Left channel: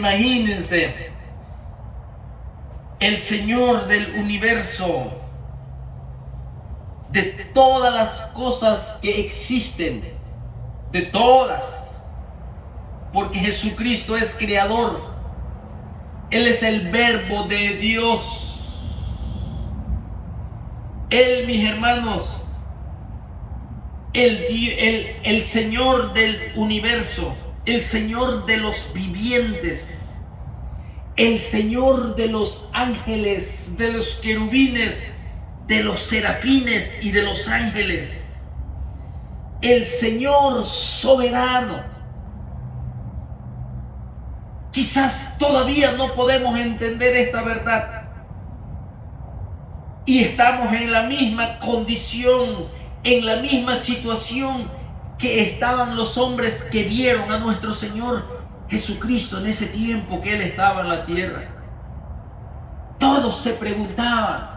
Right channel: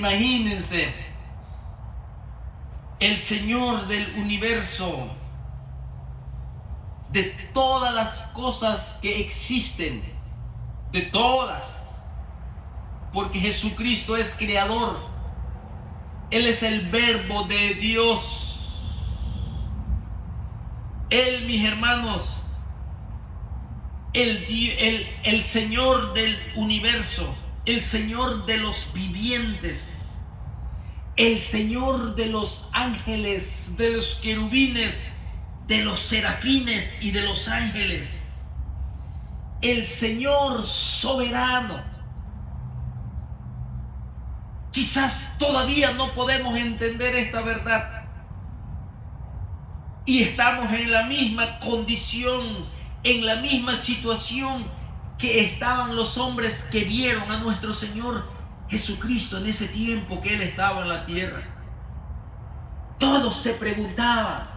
Imagínense, el Señor del universo, de todas las cosas que existen, de todas, porque Jesucristo es creador, Él es el verbo de Dios. Él, mis hermanos, el Señor del universo, el Señor de los vivientes, el Señor de los ángeles, de los querubines, de los serafines y de los ángeles, el Señor soberano. Quizás todavía no podemos entender esta verdad y estamos en la misma condición, en la misma situación que estaban los hombres que vieron a nuestro Señor Jesucristo en ese tiempo que Él estaba en la tierra. Todos se preguntaban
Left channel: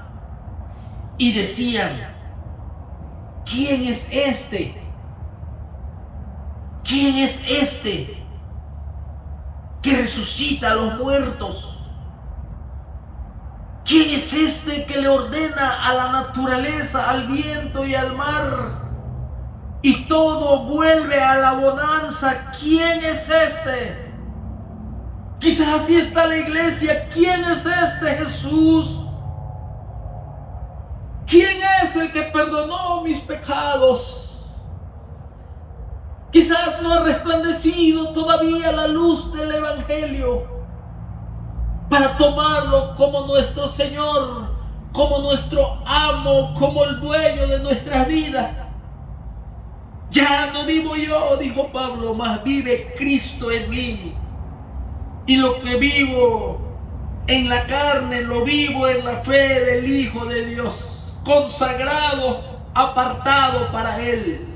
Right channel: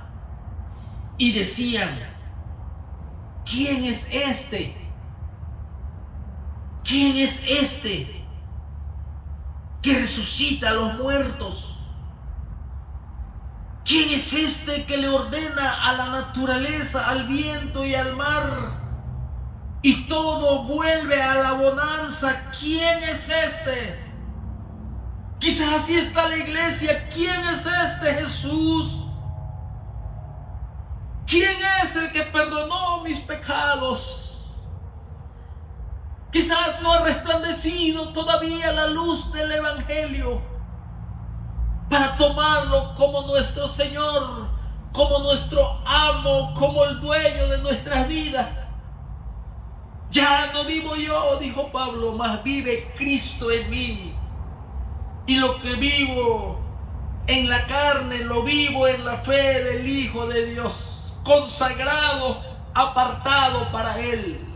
y decían: ¿quién es este? ¿Quién es este que resucita a los muertos? ¿Quién es este que le ordena a la naturaleza, al viento y al mar, y todo vuelve a la bonanza? ¿Quién es este? Quizás así está la iglesia. ¿Quién es este Jesús? ¿Quién es el que perdonó mis pecados? Quizás no ha resplandecido todavía la luz del Evangelio para tomarlo como nuestro Señor, como nuestro amo, como el dueño de nuestras vidas. Ya no vivo yo, dijo Pablo, mas vive Cristo en mí. Y lo que vivo en la carne, lo vivo en la fe del Hijo de Dios, consagrado, apartado para Él.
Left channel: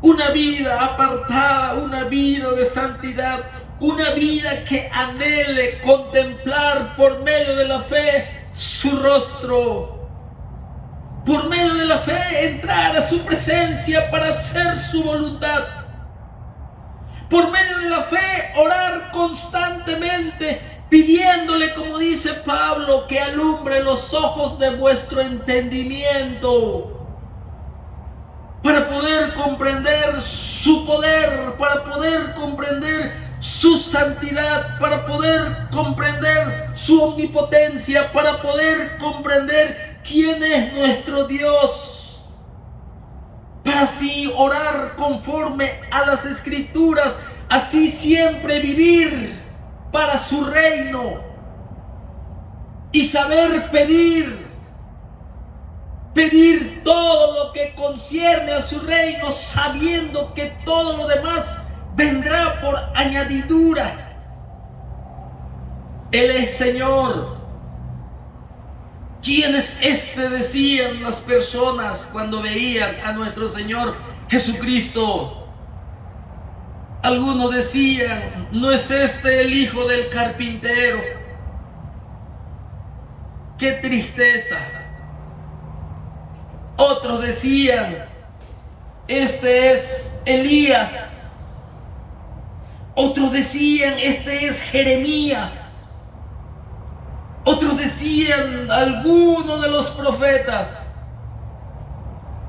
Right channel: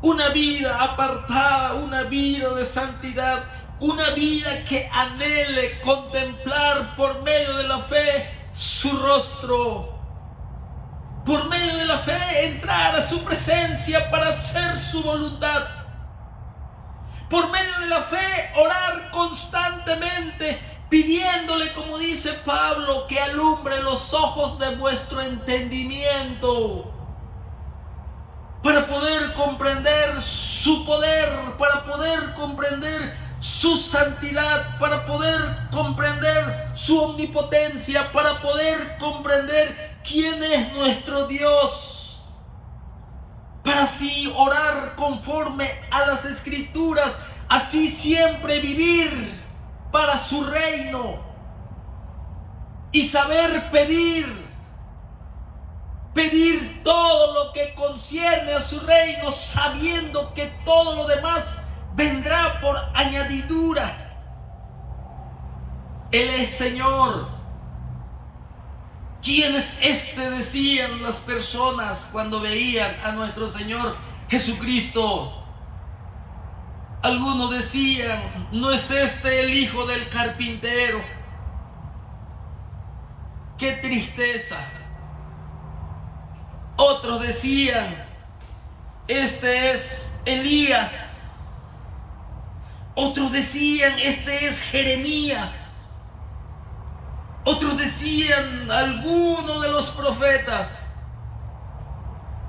Una vida apartada, una vida de santidad, una vida que anhele contemplar por medio de la fe su rostro, por medio de la fe entrar a su presencia para hacer su voluntad, por medio de la fe orar constantemente, pidiéndole, como dice Pablo, que alumbre los ojos de vuestro entendimiento, para poder comprender su poder, para poder comprender su santidad, para poder comprender su omnipotencia, para poder comprender quién es nuestro Dios, para así orar conforme a las Escrituras, así siempre vivir para su reino y saber pedir todo lo que concierne a su reino, sabiendo que todo lo demás vendrá por añadidura. Él es Señor. ¿Quién es este?, decían las personas cuando veían a nuestro Señor Jesucristo. Algunos decían: ¿no es este el hijo del carpintero? ¡Qué tristeza! Otros decían: este es Elías. Otros decían: este es Jeremías. Otros decían: alguno de los profetas.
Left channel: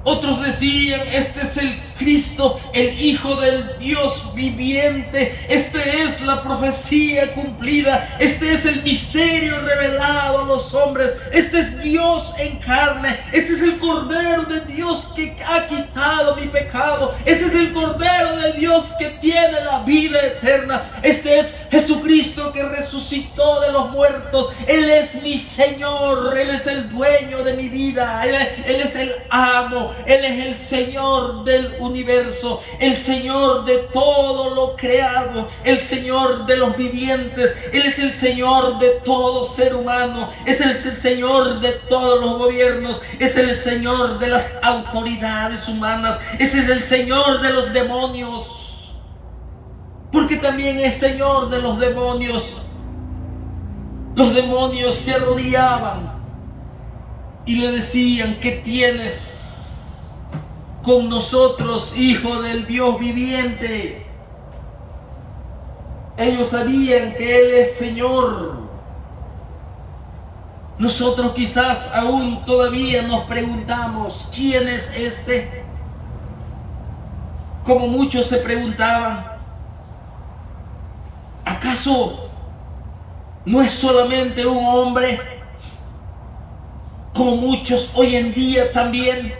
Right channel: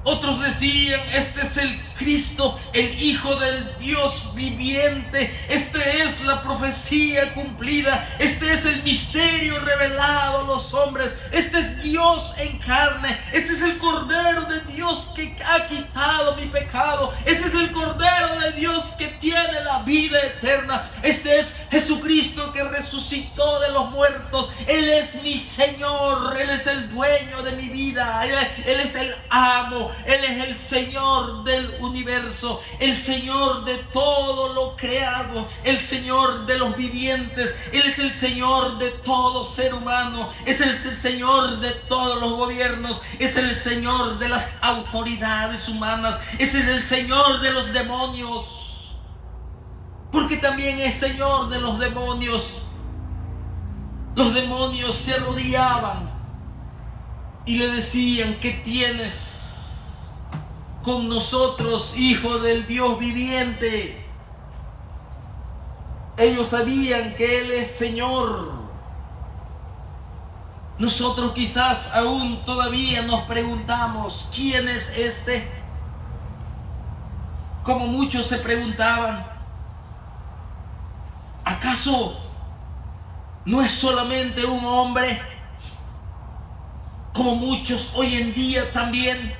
Otros decían: este es el Cristo, el Hijo del Dios viviente. Este es la profecía cumplida. Este es el misterio revelado a los hombres. Este es Dios en carne. Este es el Cordero de Dios que ha quitado mi pecado. Este es el Cordero de Dios que tiene la vida eterna. Este es Jesucristo que resucitó de los muertos. Él es mi Señor. Él es el dueño de mi vida. Él es el amo. Él es el Señor del universo, el Señor de todo lo creado, el Señor de los vivientes. Él es el Señor de todo ser humano, es el Señor de todos los gobiernos, es el Señor de las autoridades humanas, ese es el Señor de los demonios, porque también es Señor de los demonios. Los demonios se arrodillaban y le decían: ¿qué tienes con nosotros, Hijo del Dios viviente? Ellos sabían que Él es Señor. Nosotros quizás aún todavía nos preguntamos, ¿quién es este? Como muchos se preguntaban, ¿acaso no es solamente un hombre? Como muchos hoy en día también.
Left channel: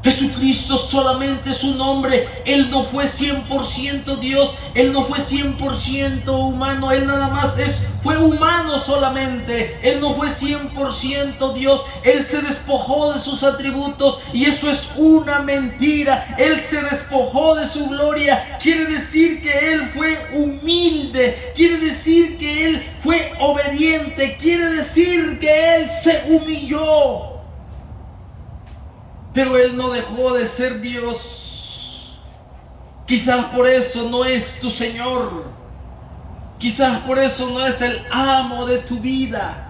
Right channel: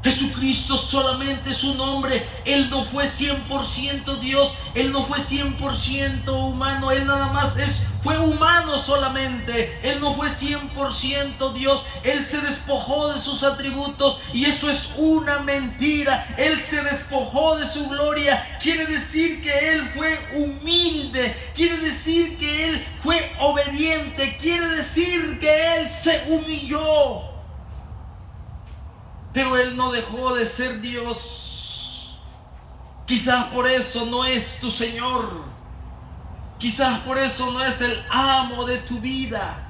Jesucristo solamente es un hombre. Él no fue 100% Dios. Él no fue 100% humano. Él nada más fue humano solamente. Él no fue 100% Dios. Él se despojó de sus atributos. Y eso es una mentira. Él se despojó de su gloria. Quiere decir que Él fue humilde. Quiere decir que Él fue obediente. Quiere decir que Él se humilló. Pero Él no dejó de ser Dios. Quizás por eso no es tu Señor. Quizás por eso no es el amo de tu vida.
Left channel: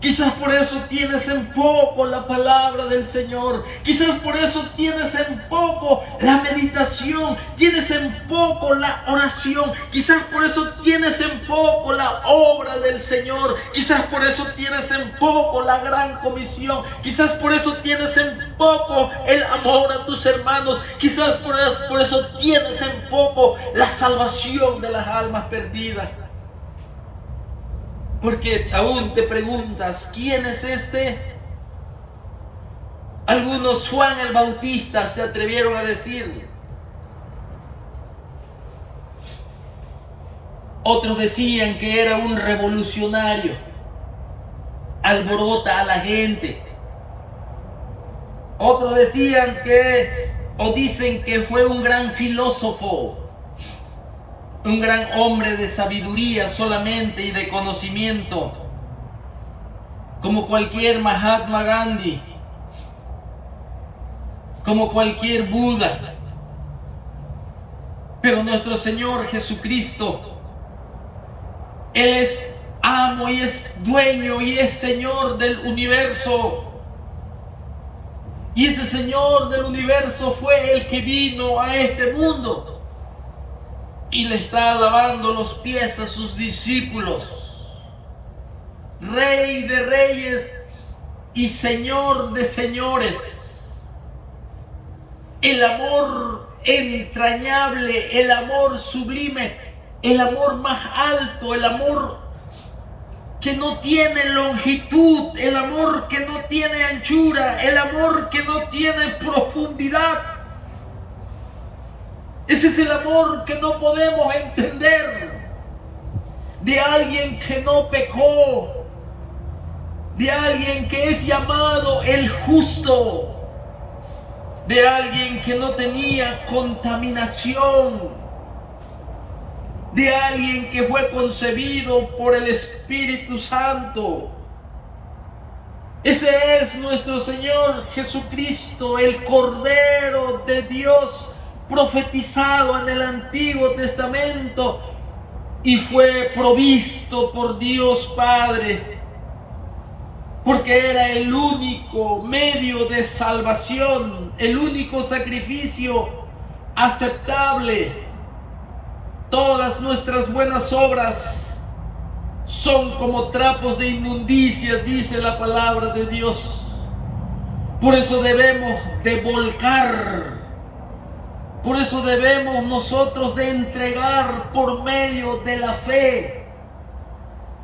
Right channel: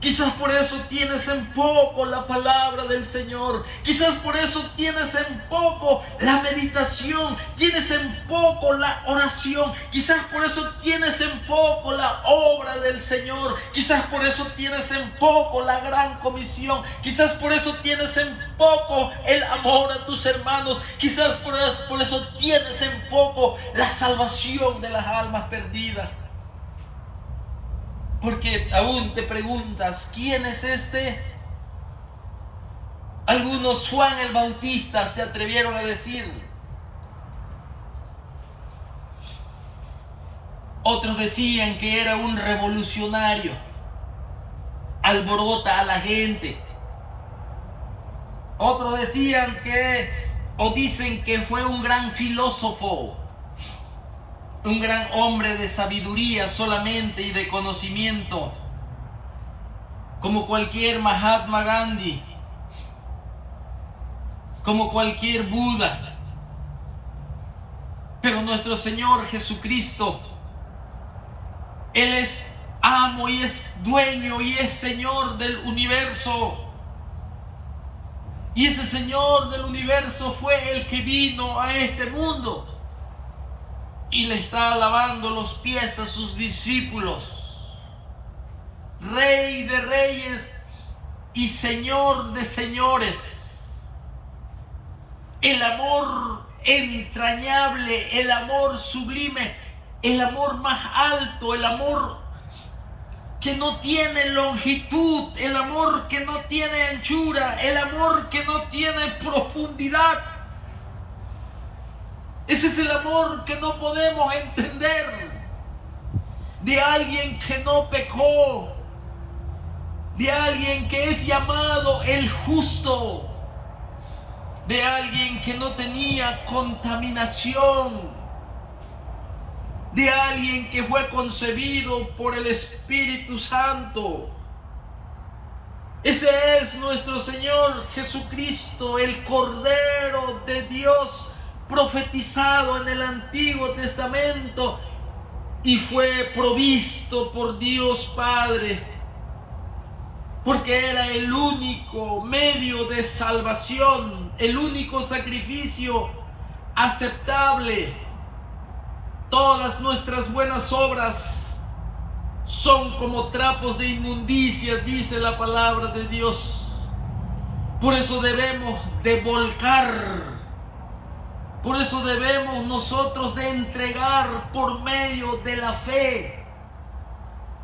Quizás por eso tienes en poco la palabra del Señor. Quizás por eso tienes en poco la meditación. Tienes en poco la oración. Quizás por eso tienes en poco la obra del Señor. Quizás por eso tienes en poco la gran comisión. Quizás por eso tienes en poco el amor a tus hermanos. Quizás por eso tienes en poco la salvación de las almas perdidas. Porque aún te preguntas, ¿quién es este? Algunos Juan el Bautista se atrevieron a decir. Otros decían que era un revolucionario. Alborota a la gente. Otros decían dicen que fue un gran filósofo. Un gran hombre de sabiduría solamente y de conocimiento, como cualquier Mahatma Gandhi, como cualquier Buda. Pero nuestro Señor Jesucristo, Él es amo y es dueño y es Señor del universo. Y ese Señor del universo fue el que vino a este mundo. Y le está lavando los pies a sus discípulos. Rey de reyes y Señor de señores. El amor entrañable, el amor sublime, el amor más alto, el amor que no tiene longitud, el amor que no tiene anchura, el amor que no tiene profundidad. Ese es el amor que no podemos entender de alguien que no pecó, de alguien que es llamado el justo, de alguien que no tenía contaminación, de alguien que fue concebido por el Espíritu Santo. Ese es nuestro Señor Jesucristo, el Cordero de Dios, profetizado en el Antiguo Testamento y fue provisto por Dios Padre, porque era el único medio de salvación, el único sacrificio aceptable. Todas nuestras buenas obras son como trapos de inmundicia, dice la palabra de Dios. Por eso debemos de volcar. Por eso debemos nosotros de entregar por medio de la fe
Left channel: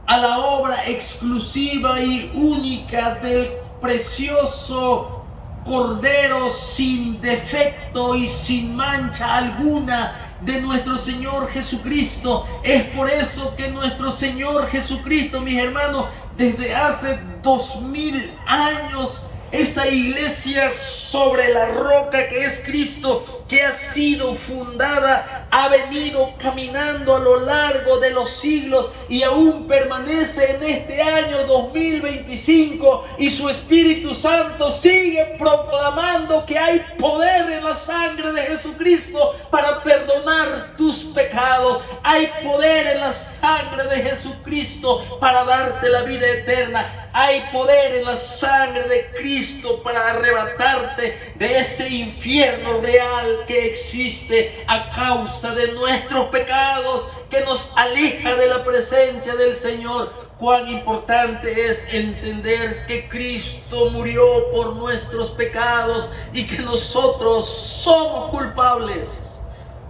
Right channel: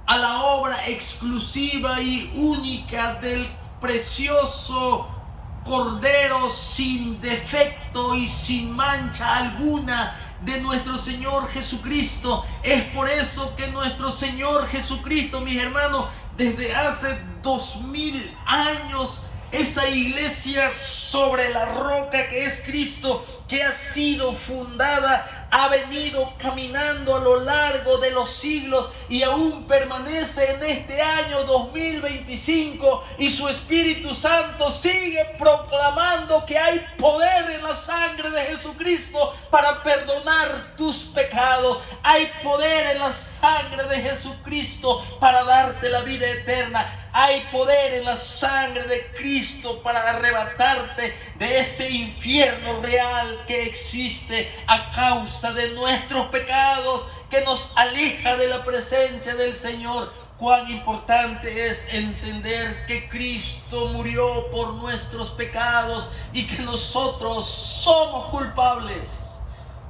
a la obra exclusiva y única del precioso Cordero sin defecto y sin mancha alguna de nuestro Señor Jesucristo. Es por eso que nuestro Señor Jesucristo, mis hermanos, desde hace 2000 años, esa iglesia sobre la roca que es Cristo, que ha sido fundada, ha venido caminando a lo largo de los siglos y aún permanece en este año 2025, y su Espíritu Santo sigue proclamando que hay poder en la sangre de Jesucristo para perdonar tus pecados. Hay poder en la sangre de Jesucristo para darte la vida eterna. Hay poder en la sangre de Cristo para arrebatarte de ese infierno real mal que existe a causa de nuestros pecados, que nos aleja de la presencia del Señor. Cuán importante es entender que Cristo murió por nuestros pecados y que nosotros somos culpables,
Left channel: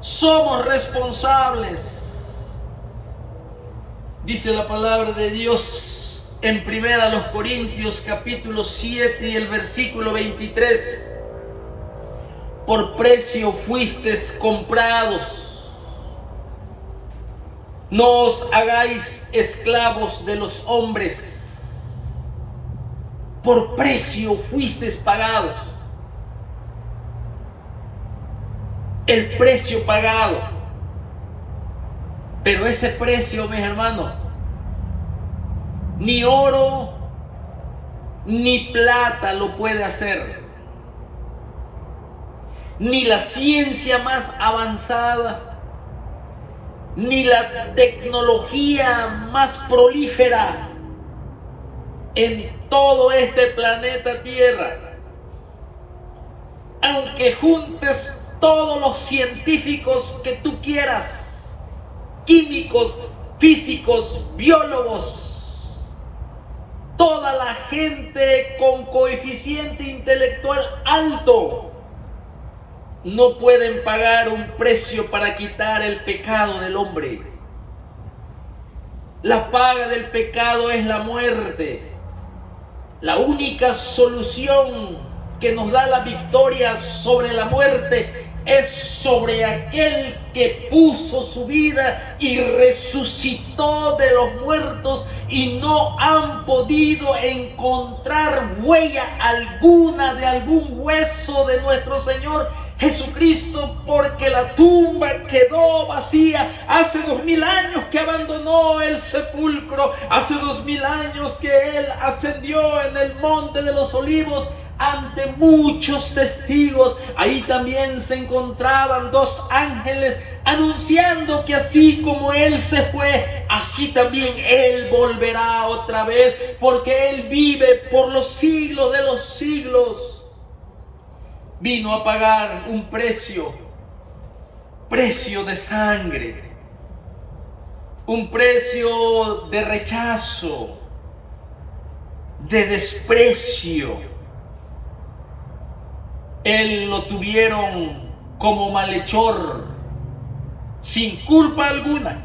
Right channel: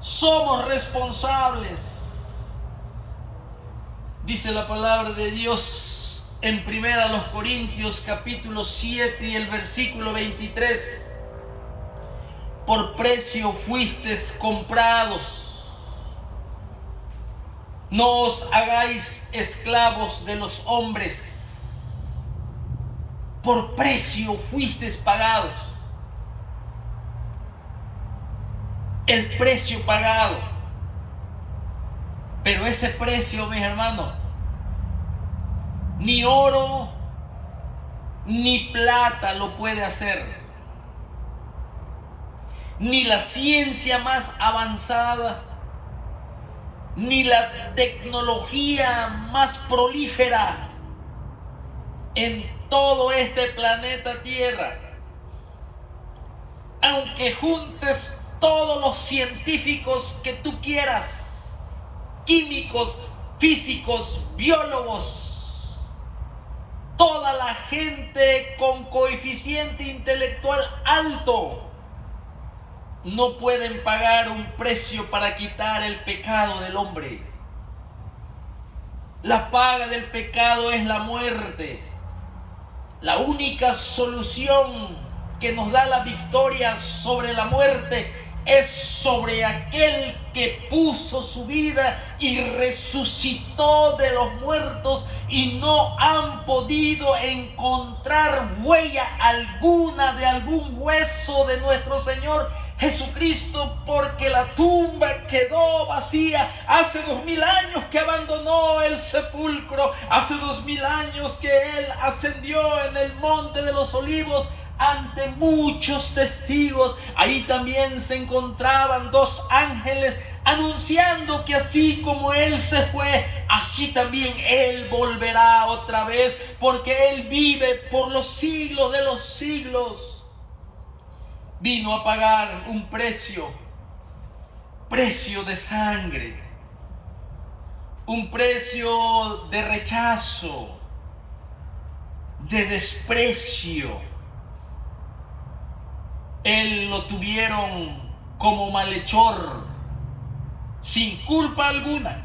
somos responsables. Dice la palabra de Dios en 1 Corintios capítulo 7 y el versículo 23. Por precio fuisteis comprados. No os hagáis esclavos de los hombres. Por precio fuisteis pagados. El precio pagado. Pero ese precio, mis hermanos, ni oro ni plata lo puede hacer. Ni la ciencia más avanzada, ni la tecnología más prolífera en todo este planeta Tierra. Aunque juntes todos los científicos que tú quieras, químicos, físicos, biólogos, toda la gente con coeficiente intelectual alto, no pueden pagar un precio para quitar el pecado del hombre. La paga del pecado es la muerte. La única solución que nos da la victoria sobre la muerte es sobre aquel que puso su vida y resucitó de los muertos, y no han podido encontrar huella alguna de algún hueso de nuestro Señor Jesucristo, porque la tumba quedó vacía. Hace 2000 años que abandonó el sepulcro, hace 2000 años que Él ascendió en el monte de los olivos ante muchos testigos. Ahí también se encontraban 2 ángeles anunciando que así como Él se fue, así también Él volverá otra vez, porque Él vive por los siglos de los siglos. Vino a pagar un precio de sangre, un precio de rechazo, de desprecio. Él lo tuvieron como malhechor, sin culpa alguna.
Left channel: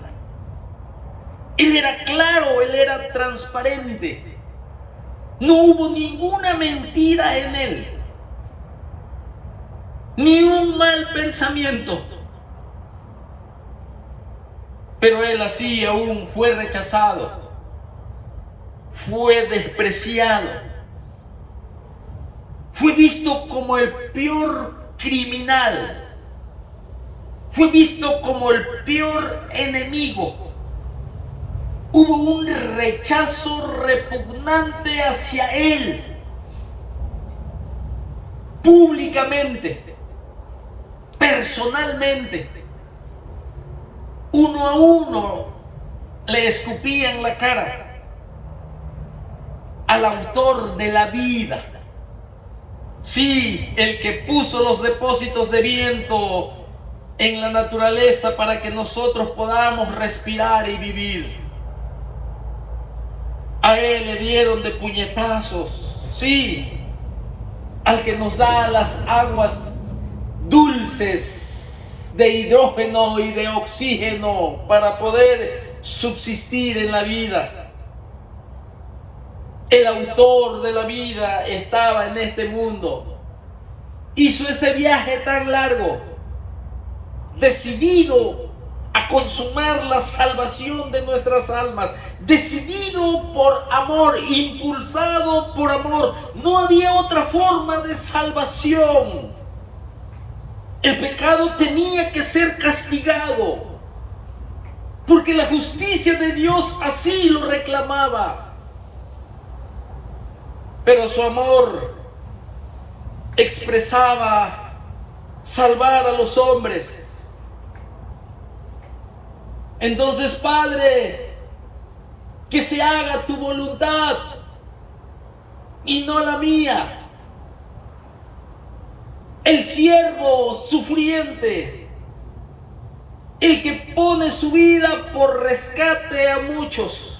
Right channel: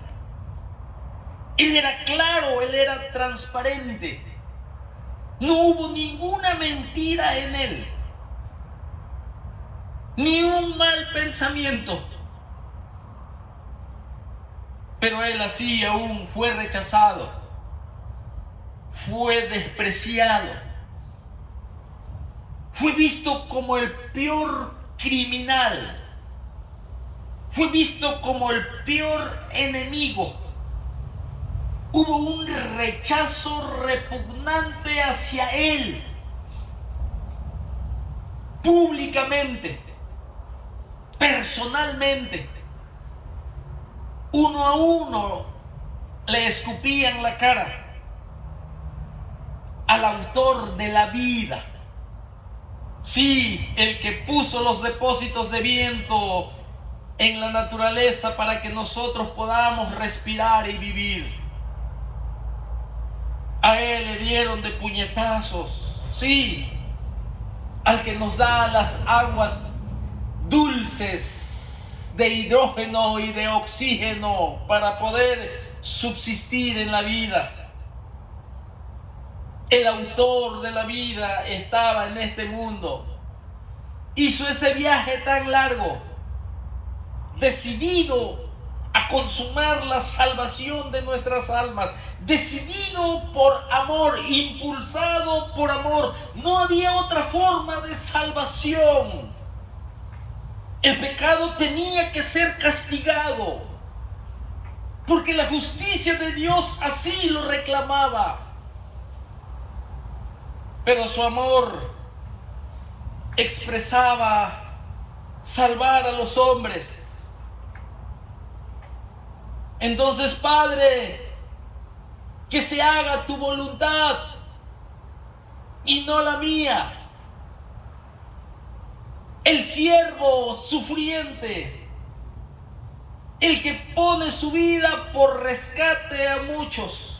Él era claro, Él era transparente. No hubo ninguna mentira en Él, ni un mal pensamiento. Pero Él así aún fue rechazado, fue despreciado, fue visto como el peor criminal, fue visto como el peor enemigo. Hubo un rechazo repugnante hacia Él, públicamente, personalmente. Uno a uno le escupían la cara al autor de la vida. Sí, el que puso los depósitos de viento en la naturaleza para que nosotros podamos respirar y vivir. A Él le dieron de puñetazos. Sí, al que nos da las aguas dulces de hidrógeno y de oxígeno para poder subsistir en la vida. El autor de la vida estaba en este mundo. Hizo ese viaje tan largo, decidido a consumar la salvación de nuestras almas, decidido por amor, impulsado por amor. No había otra forma de salvación. El pecado tenía que ser castigado, porque la justicia de Dios así lo reclamaba. Pero su amor expresaba salvar a los hombres. Entonces, Padre, que se haga tu voluntad y no la mía. el siervo sufriente, el que pone su vida por rescate a muchos,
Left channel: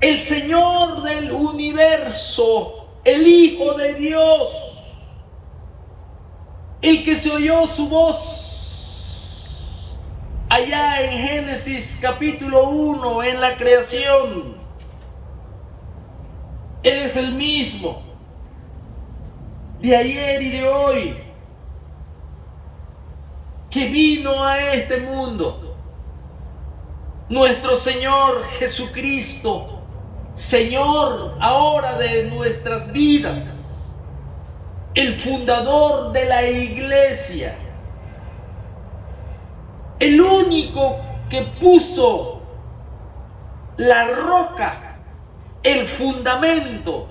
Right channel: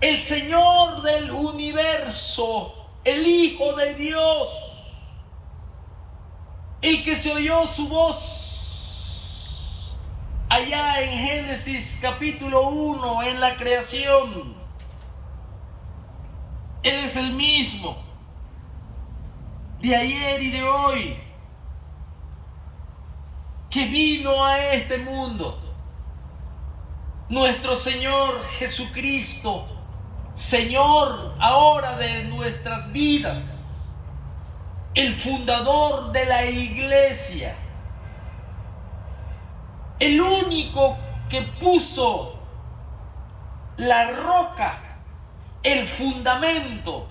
el Señor del universo, el Hijo de Dios, el que se oyó su voz allá en Génesis capítulo 1, en la creación. Él es el mismo de ayer y de hoy, que vino a este mundo. Nuestro Señor Jesucristo, Señor ahora de nuestras vidas, el fundador de la iglesia, el único que puso la roca, el fundamento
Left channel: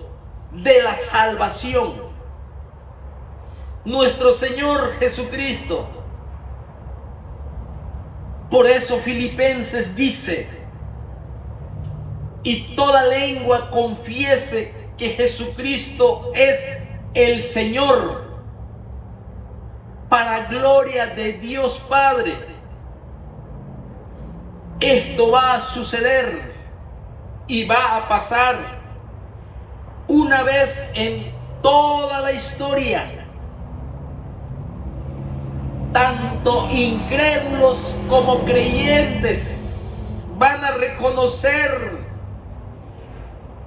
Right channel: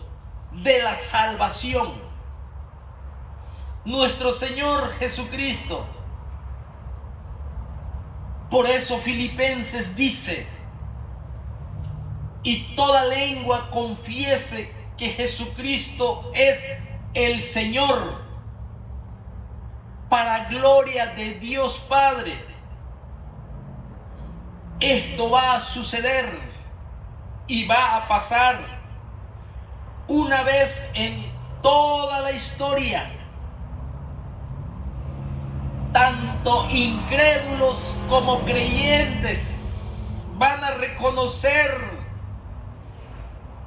de la salvación. Nuestro Señor Jesucristo. Por eso Filipenses dice: y toda lengua confiese que Jesucristo es el Señor, para gloria de Dios Padre. Esto va a suceder y va a pasar una vez en toda la historia. Tanto incrédulos como creyentes van a reconocer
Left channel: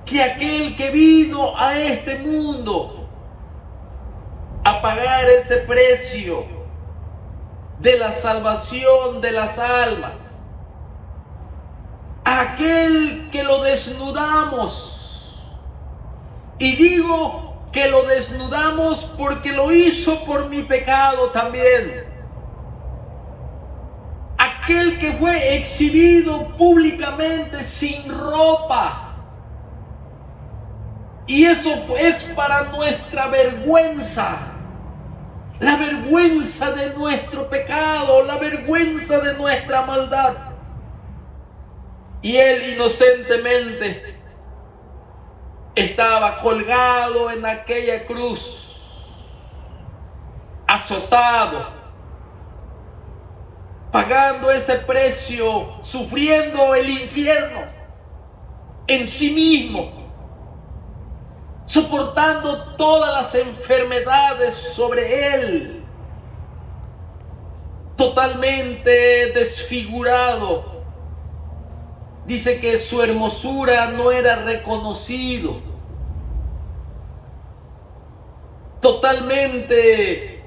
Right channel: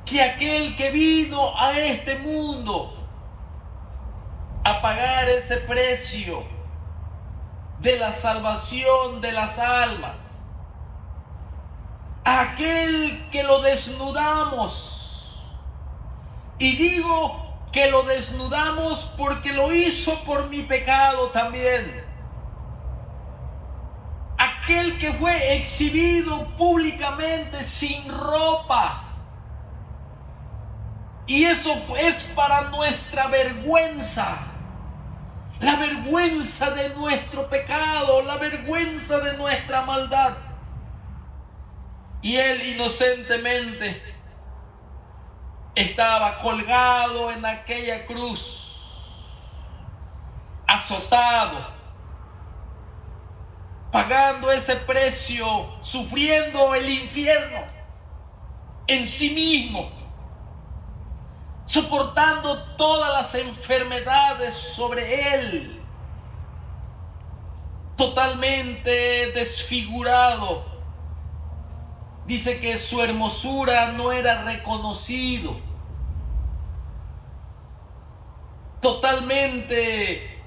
que aquel que vino a este mundo a pagar ese precio de la salvación de las almas, aquel que lo desnudamos, y digo que lo desnudamos porque lo hizo por mi pecado también, aquel que fue exhibido públicamente sin ropa, y eso es para nuestra vergüenza, la vergüenza de nuestro pecado, la vergüenza de nuestra maldad. Y él inocentemente estaba colgado en aquella cruz, azotado, pagando ese precio, sufriendo el infierno en sí mismo, soportando todas las enfermedades sobre él, totalmente desfigurado. Dice que su hermosura no era reconocido, totalmente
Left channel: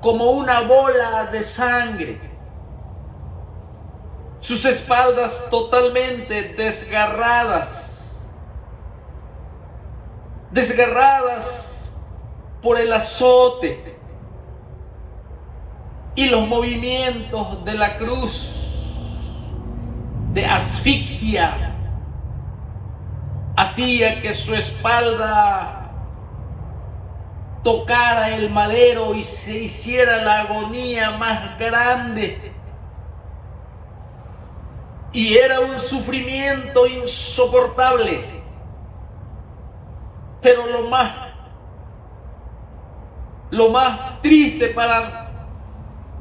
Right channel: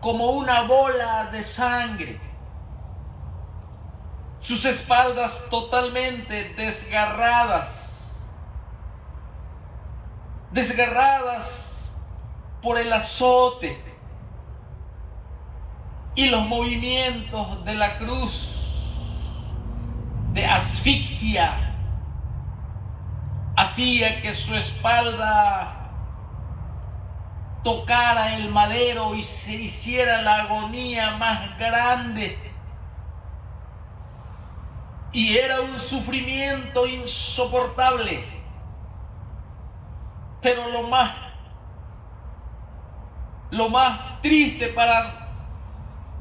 como una bola de sangre, sus espaldas totalmente desgarradas por el azote y los movimientos de la cruz, de asfixia, hacía que su espalda tocara el madero y se hiciera la agonía más grande. Y era un sufrimiento insoportable. Pero lo más triste para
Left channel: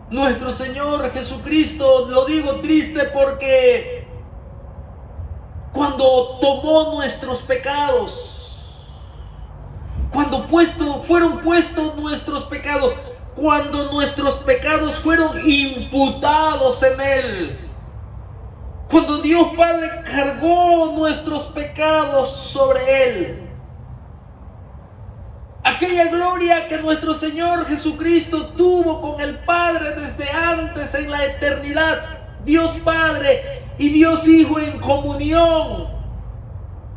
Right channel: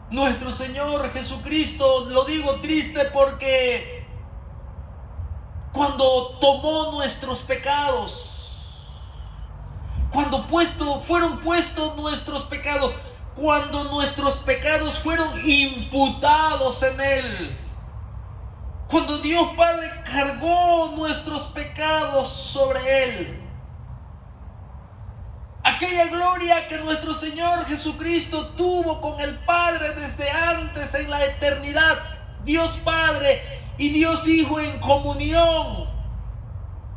nuestro Señor Jesucristo, lo digo triste porque cuando tomó nuestros pecados, cuando fueron puestos nuestros pecados, cuando nuestros pecados fueron imputados en Él, cuando Dios Padre cargó nuestros pecados sobre Él, aquella gloria que nuestro Señor Jesucristo tuvo con el Padre desde antes en la eternidad, Dios Padre y Dios Hijo en comunión,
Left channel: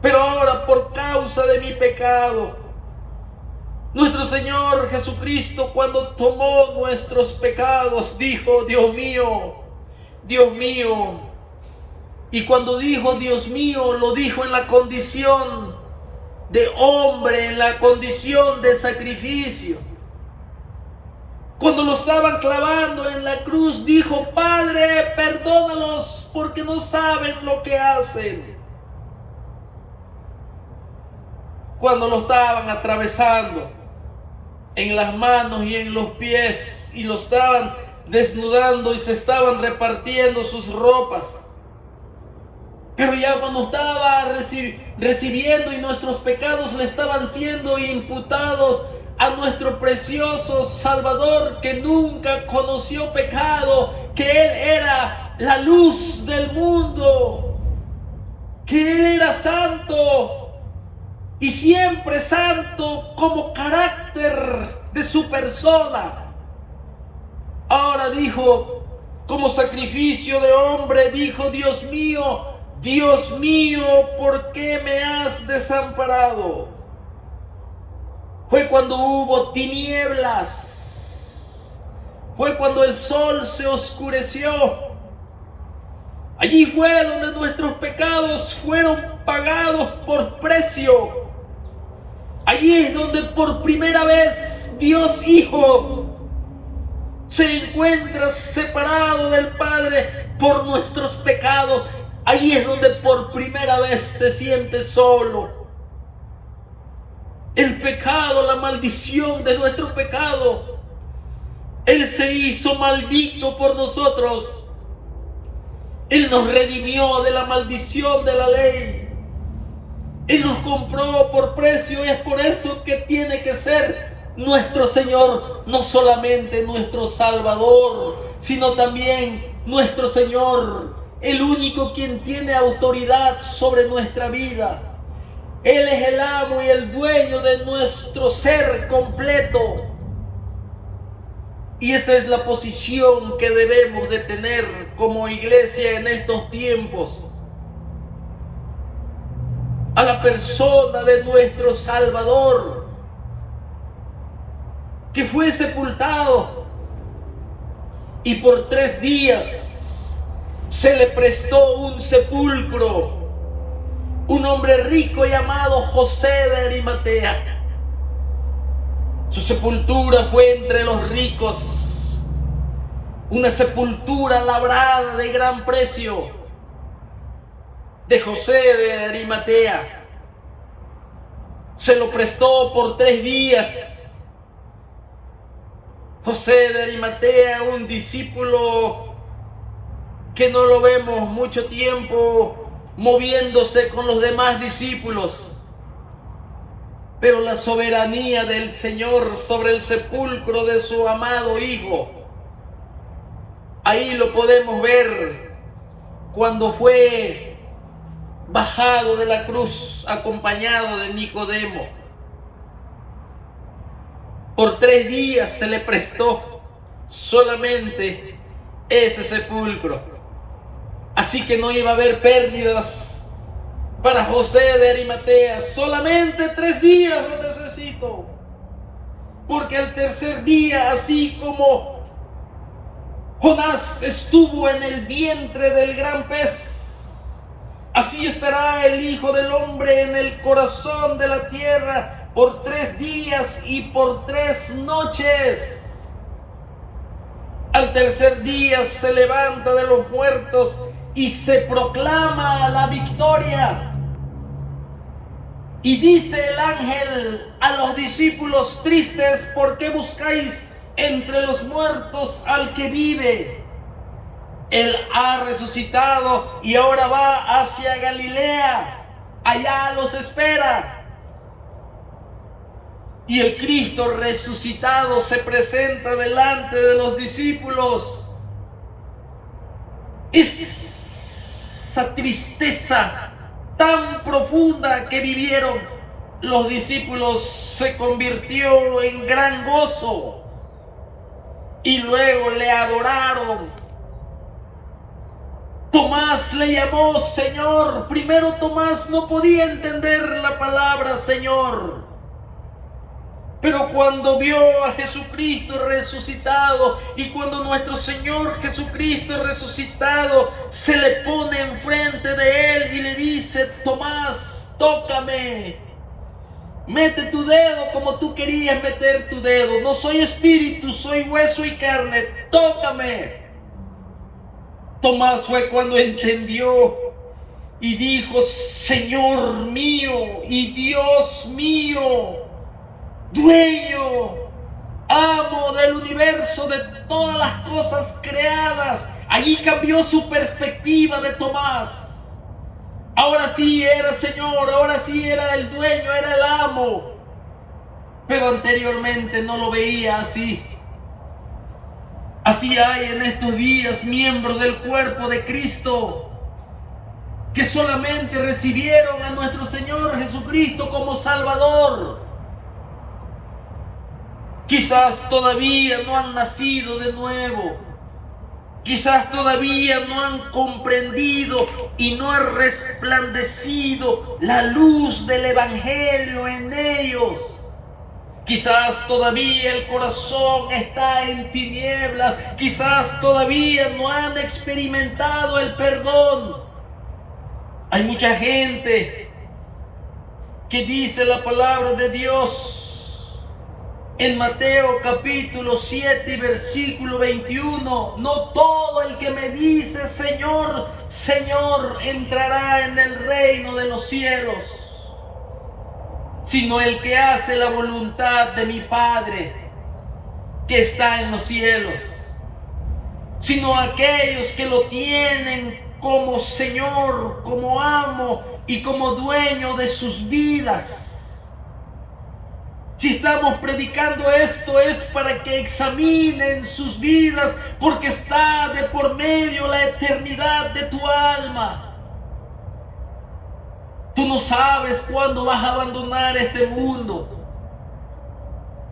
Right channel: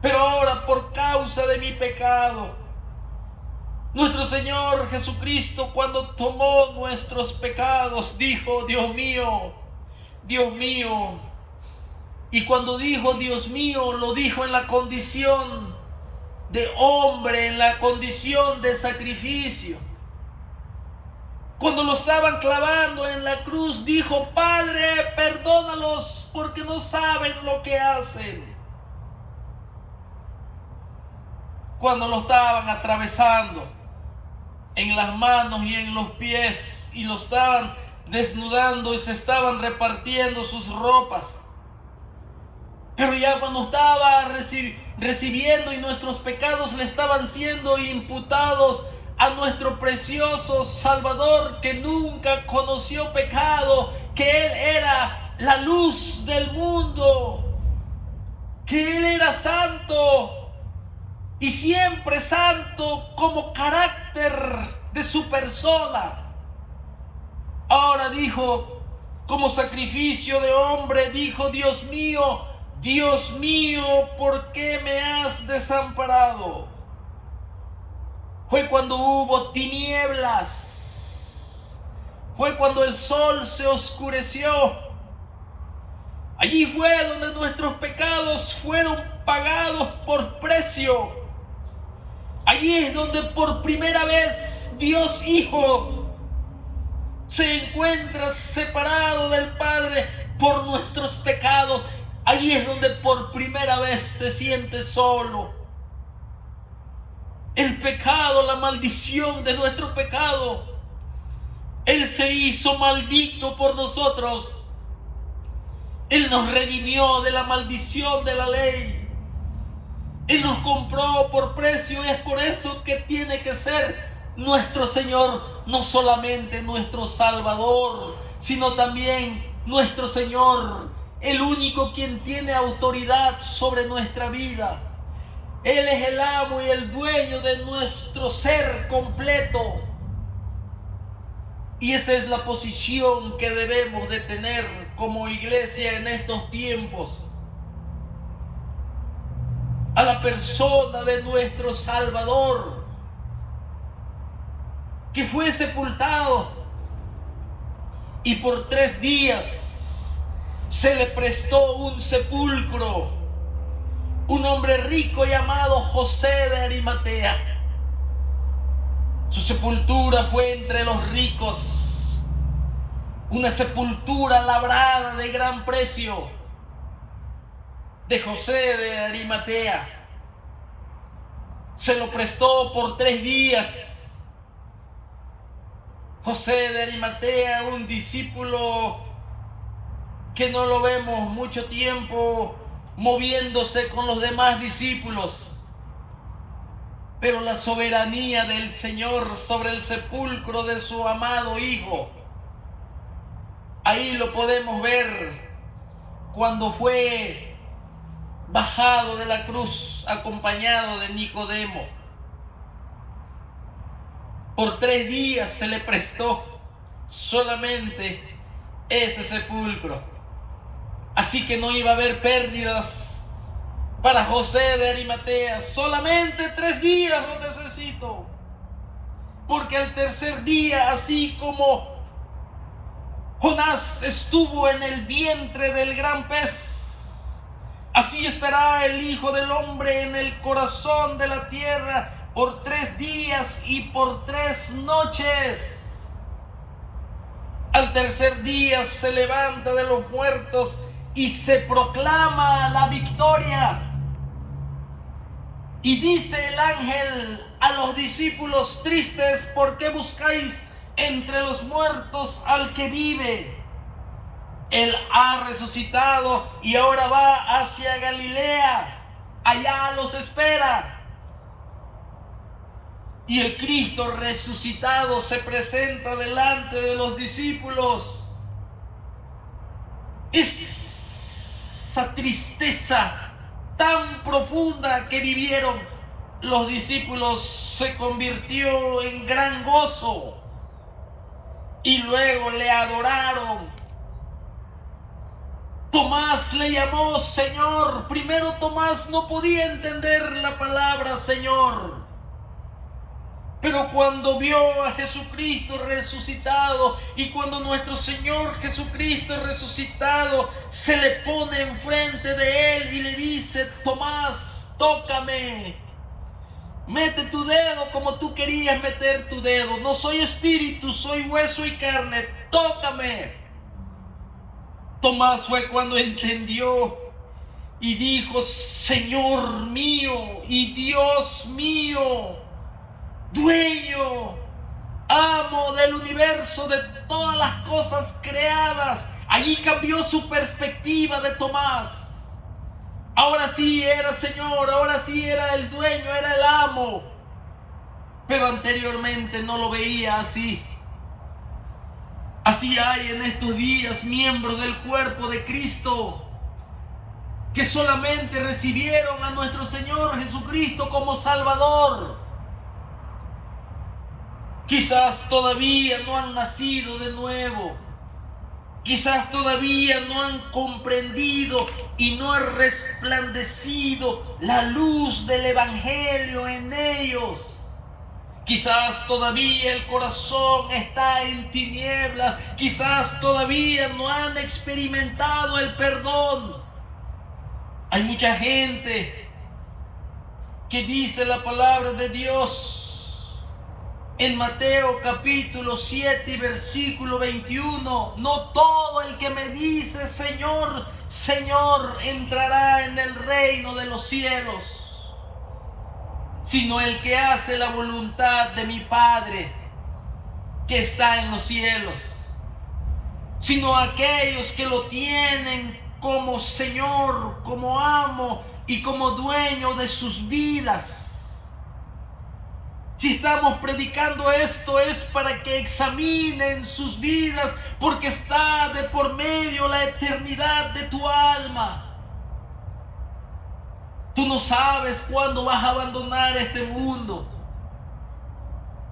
pero ahora por causa de mi pecado, nuestro Señor Jesucristo, cuando tomó nuestros pecados, dijo: Dios mío, Dios mío. Y cuando dijo Dios mío, lo dijo en la condición de hombre, en la condición de sacrificio. Cuando lo estaban clavando en la cruz, dijo: Padre, perdónalos porque no saben lo que hacen. Cuando lo estaban atravesando, en las manos y en los pies, y lo estaban desnudando y se estaban repartiendo sus ropas. Pero ya cuando estaba recibiendo y nuestros pecados le estaban siendo imputados a nuestro precioso Salvador, que nunca conoció pecado, que Él era la luz del mundo, que Él era santo y siempre santo como carácter de su persona. Ahora dijo, como sacrificio de hombre, dijo: Dios mío, ¿por qué me has desamparado? Fue cuando hubo tinieblas, fue cuando el sol se oscureció. Allí fue donde nuestros pecados fueron pagados por precio. Allí es donde por primera vez Dios Hijo se encuentra separado del Padre por nuestros pecados. Allí es donde por primera vez se siente solo. El pecado, la maldición de nuestro pecado. Él se hizo maldito por nosotros. Él nos redimió de la maldición de la ley. Él nos compró por precio, y es por eso que tiene que ser nuestro Señor, no solamente nuestro Salvador, sino también nuestro Señor, el único quien tiene autoridad sobre nuestra vida. Él es el amo y el dueño de nuestro ser completo. Y esa es la posición que debemos de tener como iglesia en estos tiempos. A la persona de nuestro Salvador, que fue sepultado y por 3 días se le prestó un sepulcro. Un hombre rico llamado José de Arimatea. Su sepultura fue entre los ricos, una sepultura labrada de gran precio, de José de Arimatea. Se lo prestó por 3 días. José de Arimatea, un discípulo que no lo vemos mucho tiempo moviéndose con los demás discípulos. Pero la soberanía del Señor sobre el sepulcro de su amado Hijo, ahí lo podemos ver cuando fue bajado de la cruz acompañado de Nicodemo. Por 3 días se le prestó solamente ese sepulcro. Así que no iba a haber pérdidas para José de Arimatea. Solamente 3 días lo necesito. Porque al tercer día, así como Jonás estuvo en el vientre del gran pez, así estará el Hijo del Hombre en el corazón de la tierra por 3 días y por 3 noches. Al tercer día se levanta de los muertos y se proclama la victoria. Y dice el ángel a los discípulos tristes: ¿por qué buscáis entre los muertos al que vive? Él ha resucitado y ahora va hacia Galilea. Allá los espera. Y el Cristo resucitado se presenta delante de los discípulos. Esa tristeza tan profunda que vivieron los discípulos se convirtió en gran gozo. Y luego le adoraron. Tomás le llamó Señor. Primero Tomás no podía entender la palabra Señor. Pero cuando vio a Jesucristo resucitado, y cuando nuestro Señor Jesucristo resucitado se le pone enfrente de él y le dice: Tomás, tócame, mete tu dedo como tú querías meter tu dedo. No soy espíritu, soy hueso y carne, tócame. Tomás fue cuando entendió y dijo: Señor mío y Dios mío, dueño amo del universo, de todas las cosas creadas. Allí cambió su perspectiva de Tomás. Ahora sí era Señor, ahora sí era el dueño, era el amo. Pero anteriormente no lo veía así. Así hay en estos días miembros del cuerpo de Cristo que solamente recibieron a nuestro Señor Jesucristo como Salvador. Quizás todavía no han nacido de nuevo. Quizás todavía no han comprendido y no ha resplandecido la luz del Evangelio en ellos. Quizás todavía el corazón está en tinieblas. Quizás todavía no han experimentado el perdón. Hay mucha gente que dice la palabra de Dios en Mateo capítulo 7 y versículo 21. No todo el que me dice Señor, Señor entrará en el reino de los cielos, sino el que hace la voluntad de mi Padre que está en los cielos. Sino aquellos que lo tienen como Señor, como amo y como dueño de sus vidas. Si estamos predicando esto es para que examinen sus vidas, porque está de por medio la eternidad de tu alma. Tú no sabes cuándo vas a abandonar este mundo.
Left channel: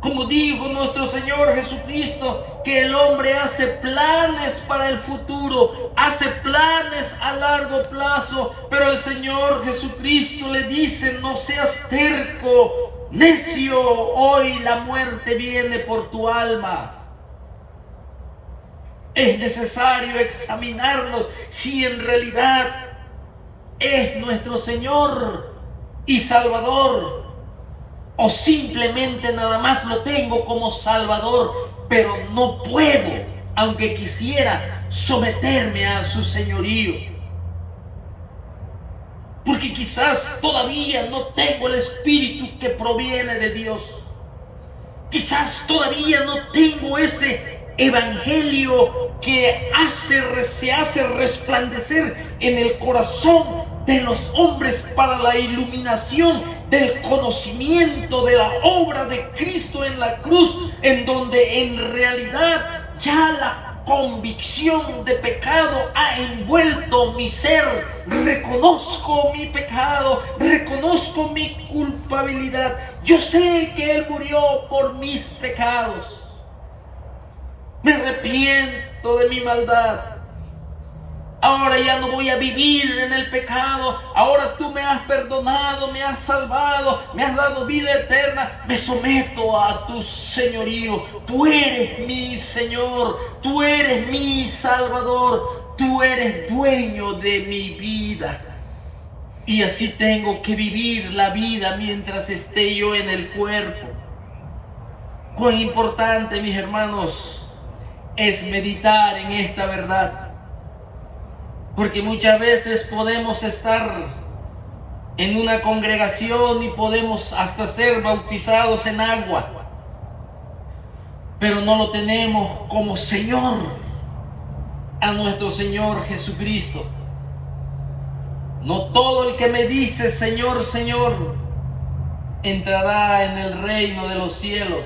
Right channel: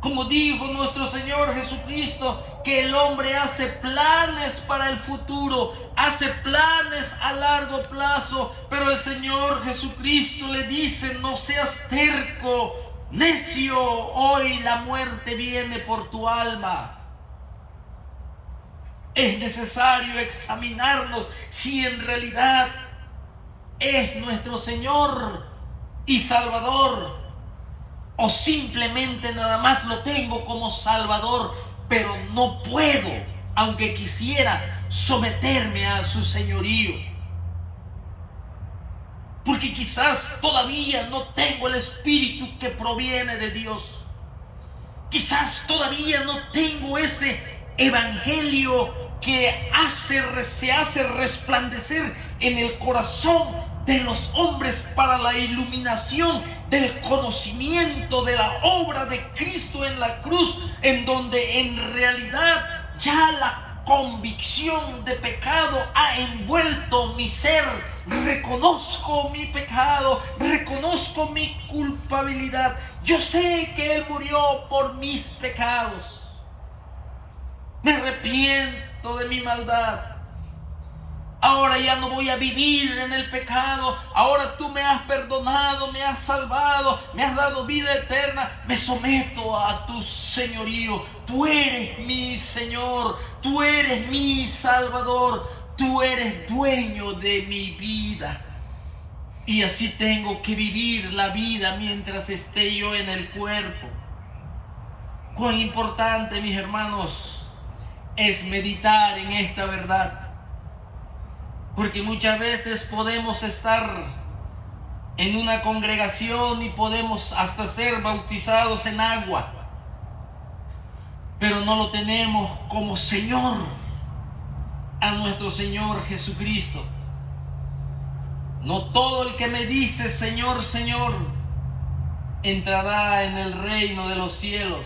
Como dijo nuestro Señor Jesucristo, que el hombre hace planes para el futuro, hace planes a largo plazo, pero el Señor Jesucristo le dice: no seas terco, necio, hoy la muerte viene por tu alma. Es necesario examinarnos si en realidad es nuestro Señor y Salvador, o simplemente nada más lo tengo como Salvador, pero no puedo, aunque quisiera, someterme a su señorío. Porque quizás todavía no tengo el espíritu que proviene de Dios. Quizás todavía no tengo ese evangelio que se hace resplandecer en el corazón de los hombres para la iluminación del conocimiento de la obra de Cristo en la cruz, en donde en realidad ya la convicción de pecado ha envuelto mi ser. Reconozco mi pecado, reconozco mi culpabilidad. Yo sé que Él murió por mis pecados. Me arrepiento de mi maldad. Ahora ya no voy a vivir en el pecado. Ahora tú me has perdonado, me has salvado, me has dado vida eterna. Me someto a tu señorío. Tú eres mi Señor, tú eres mi Salvador, tú eres dueño de mi vida. Y así tengo que vivir la vida mientras esté yo en el cuerpo. Cuán importante, mis hermanos, es meditar en esta verdad. Porque muchas veces podemos estar en una congregación y podemos hasta ser bautizados en agua, pero no lo tenemos como Señor a nuestro Señor Jesucristo. No todo el que me dice Señor, Señor, entrará en el reino de los cielos.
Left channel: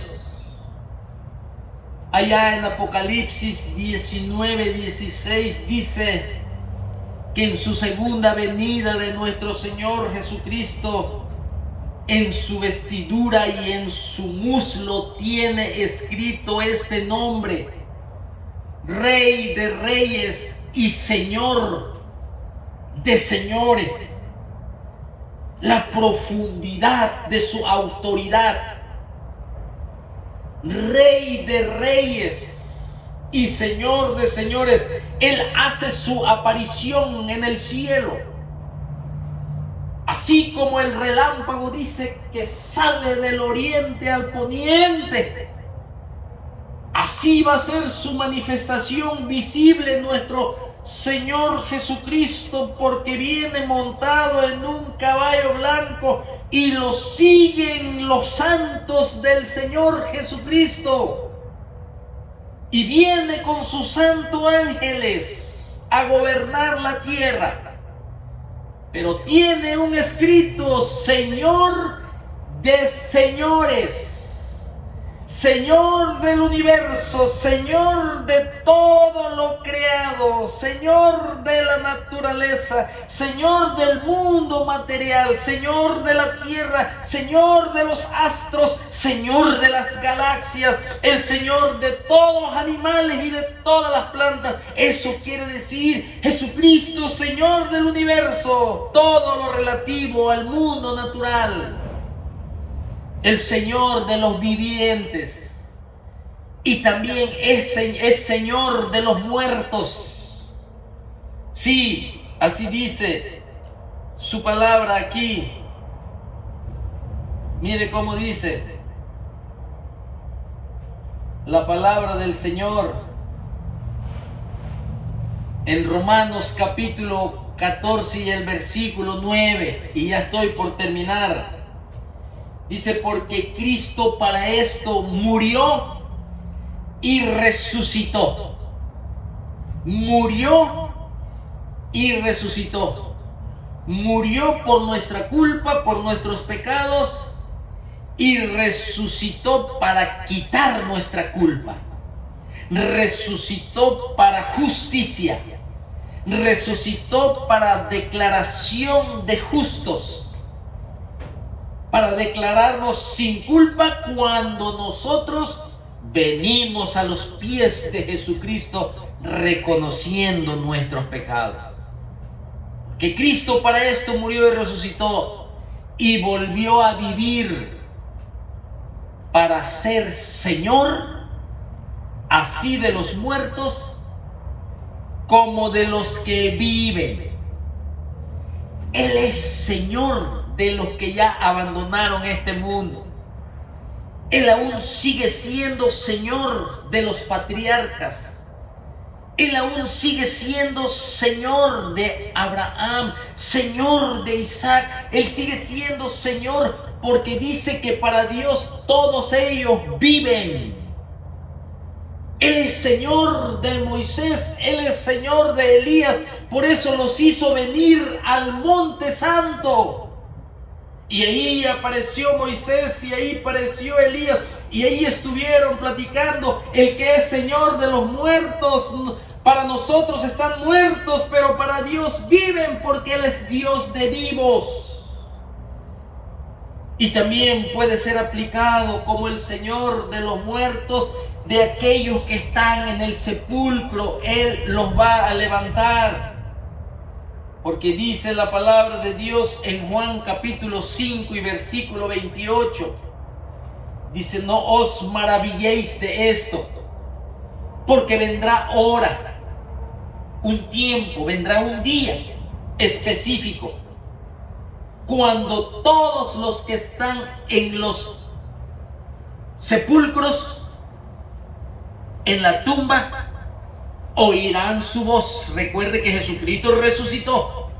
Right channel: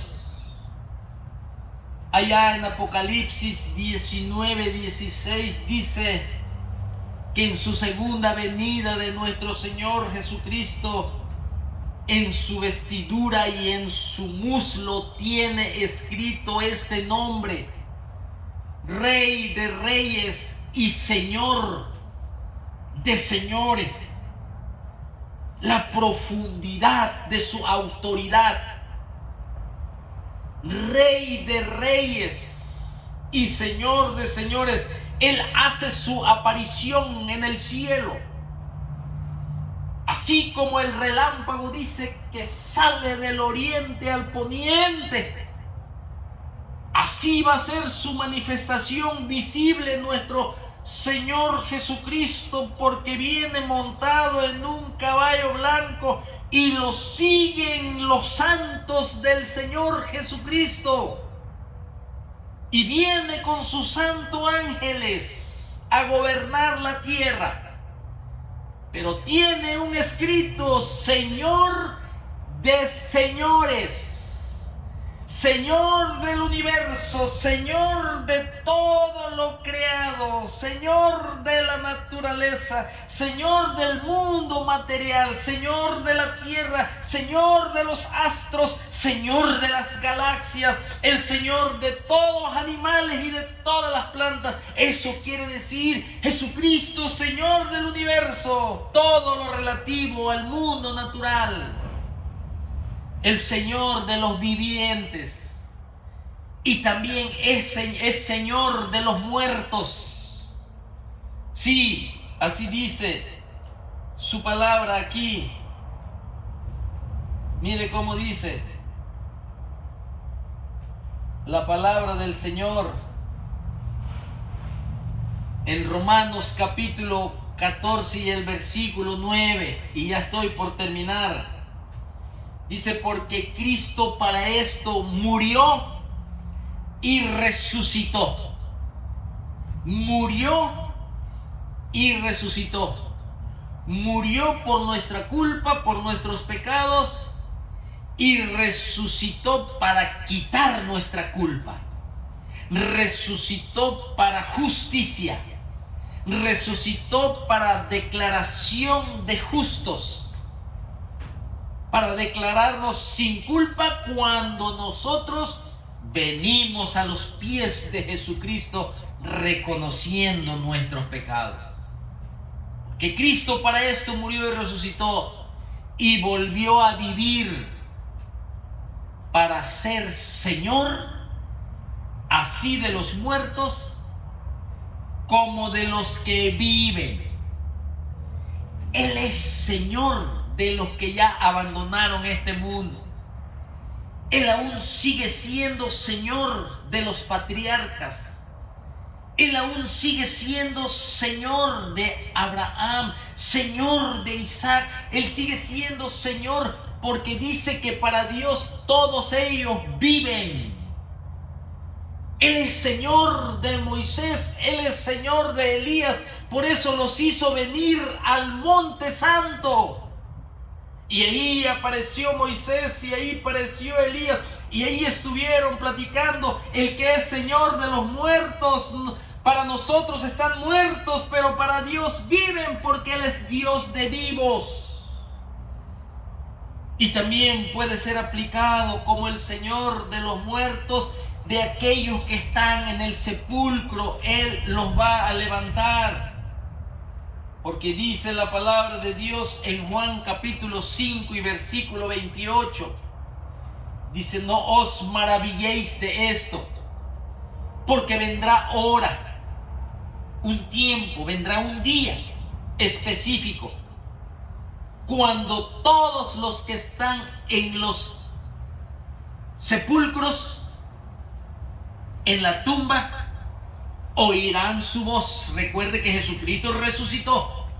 Allá en Apocalipsis 19:16 dice que en su segunda venida de nuestro Señor Jesucristo, en su vestidura y en su muslo tiene escrito este nombre: Rey de Reyes y Señor de Señores. La profundidad de su autoridad. Rey de Reyes y Señor de señores. Él hace su aparición en el cielo. Así como el relámpago dice que sale del oriente al poniente, así va a ser su manifestación visible nuestro Señor Jesucristo, porque viene montado en un caballo blanco y lo siguen los santos del Señor Jesucristo. Y viene con sus santos ángeles a gobernar la tierra. Pero tiene un escrito: Señor de señores, Señor del universo, Señor de todo lo creado, Señor de la naturaleza, Señor del mundo material, Señor de la tierra, Señor de los astros, Señor de las galaxias, el Señor de todos los animales y de todas las plantas. Eso quiere decir Jesucristo, Señor del universo, todo lo relativo al mundo natural. El Señor de los vivientes, y también es Señor de los muertos. Sí, así dice su palabra aquí. Mire cómo dice la palabra del Señor en Romanos capítulo 14 y el versículo 9, y ya estoy por terminar. Dice: porque Cristo para esto murió y resucitó. Murió y resucitó. Murió por nuestra culpa, por nuestros pecados, y resucitó para quitar nuestra culpa. Resucitó para justicia. Resucitó para declaración de justos. Para declararnos sin culpa cuando nosotros venimos a los pies de Jesucristo reconociendo nuestros pecados. Que Cristo para esto murió y resucitó y volvió a vivir para ser Señor, así de los muertos como de los que viven. Él es Señor de los que ya abandonaron este mundo. Él aún sigue siendo Señor de los patriarcas. Él aún sigue siendo Señor de Abraham, Señor de Isaac. Él sigue siendo Señor porque dice que para Dios todos ellos viven. Él es Señor de Moisés, Él es Señor de Elías. Por eso los hizo venir al Monte Santo. Y ahí apareció Moisés y ahí apareció Elías. Y ahí estuvieron platicando. El que es Señor de los muertos, para nosotros están muertos, pero para Dios viven porque Él es Dios de vivos. Y también puede ser aplicado como el Señor de los muertos, de aquellos que están en el sepulcro. Él los va a levantar. Porque dice la palabra de Dios en Juan capítulo 5 y versículo 28. Dice: no os maravilléis de esto, porque vendrá hora, un tiempo, vendrá un día específico, cuando todos los que están en los sepulcros, en la tumba, oirán su voz. Recuerde que Jesucristo resucitó.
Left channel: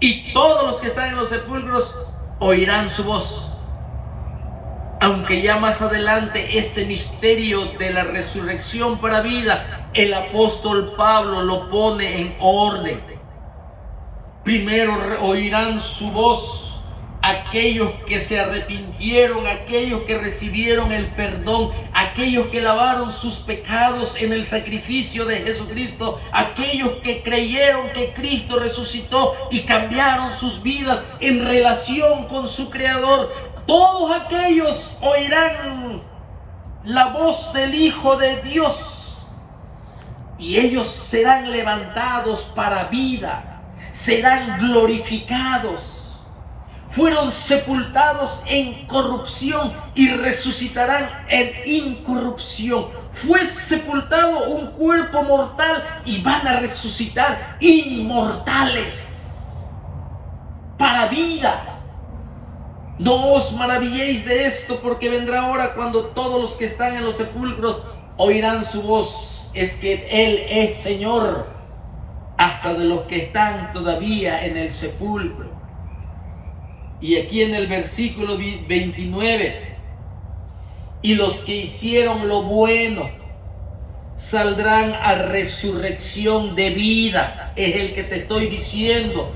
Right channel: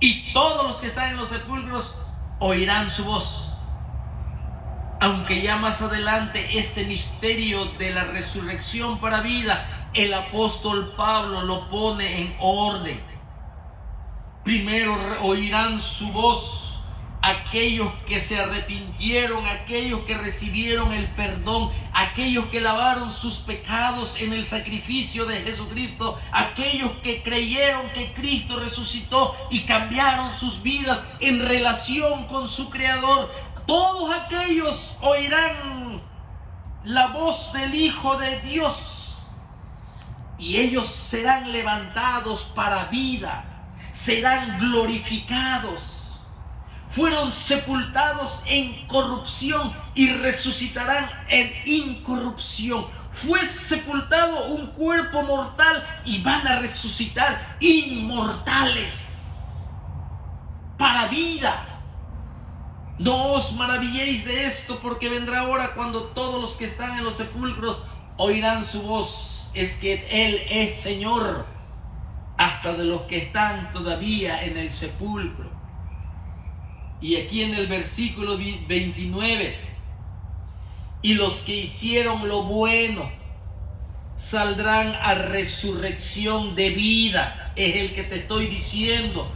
Y todos los que están en los sepulcros oirán su voz. Aunque ya más adelante este misterio de la resurrección para vida, el apóstol Pablo lo pone en orden. Primero oirán su voz aquellos que se arrepintieron, aquellos que recibieron el perdón, aquellos que lavaron sus pecados en el sacrificio de Jesucristo, aquellos que creyeron que Cristo resucitó y cambiaron sus vidas en relación con su Creador. Todos aquellos oirán la voz del Hijo de Dios y ellos serán levantados para vida, serán glorificados. Fueron sepultados en corrupción y resucitarán en incorrupción. Fue sepultado un cuerpo mortal y van a resucitar inmortales para vida. No os maravilléis de esto, porque vendrá hora cuando todos los que están en los sepulcros oirán su voz Jesús es que Él es Señor hasta de los que están todavía en el sepulcro. Y aquí en el versículo 29, y los que hicieron lo bueno saldrán a resurrección de vida. Es el que te estoy diciendo.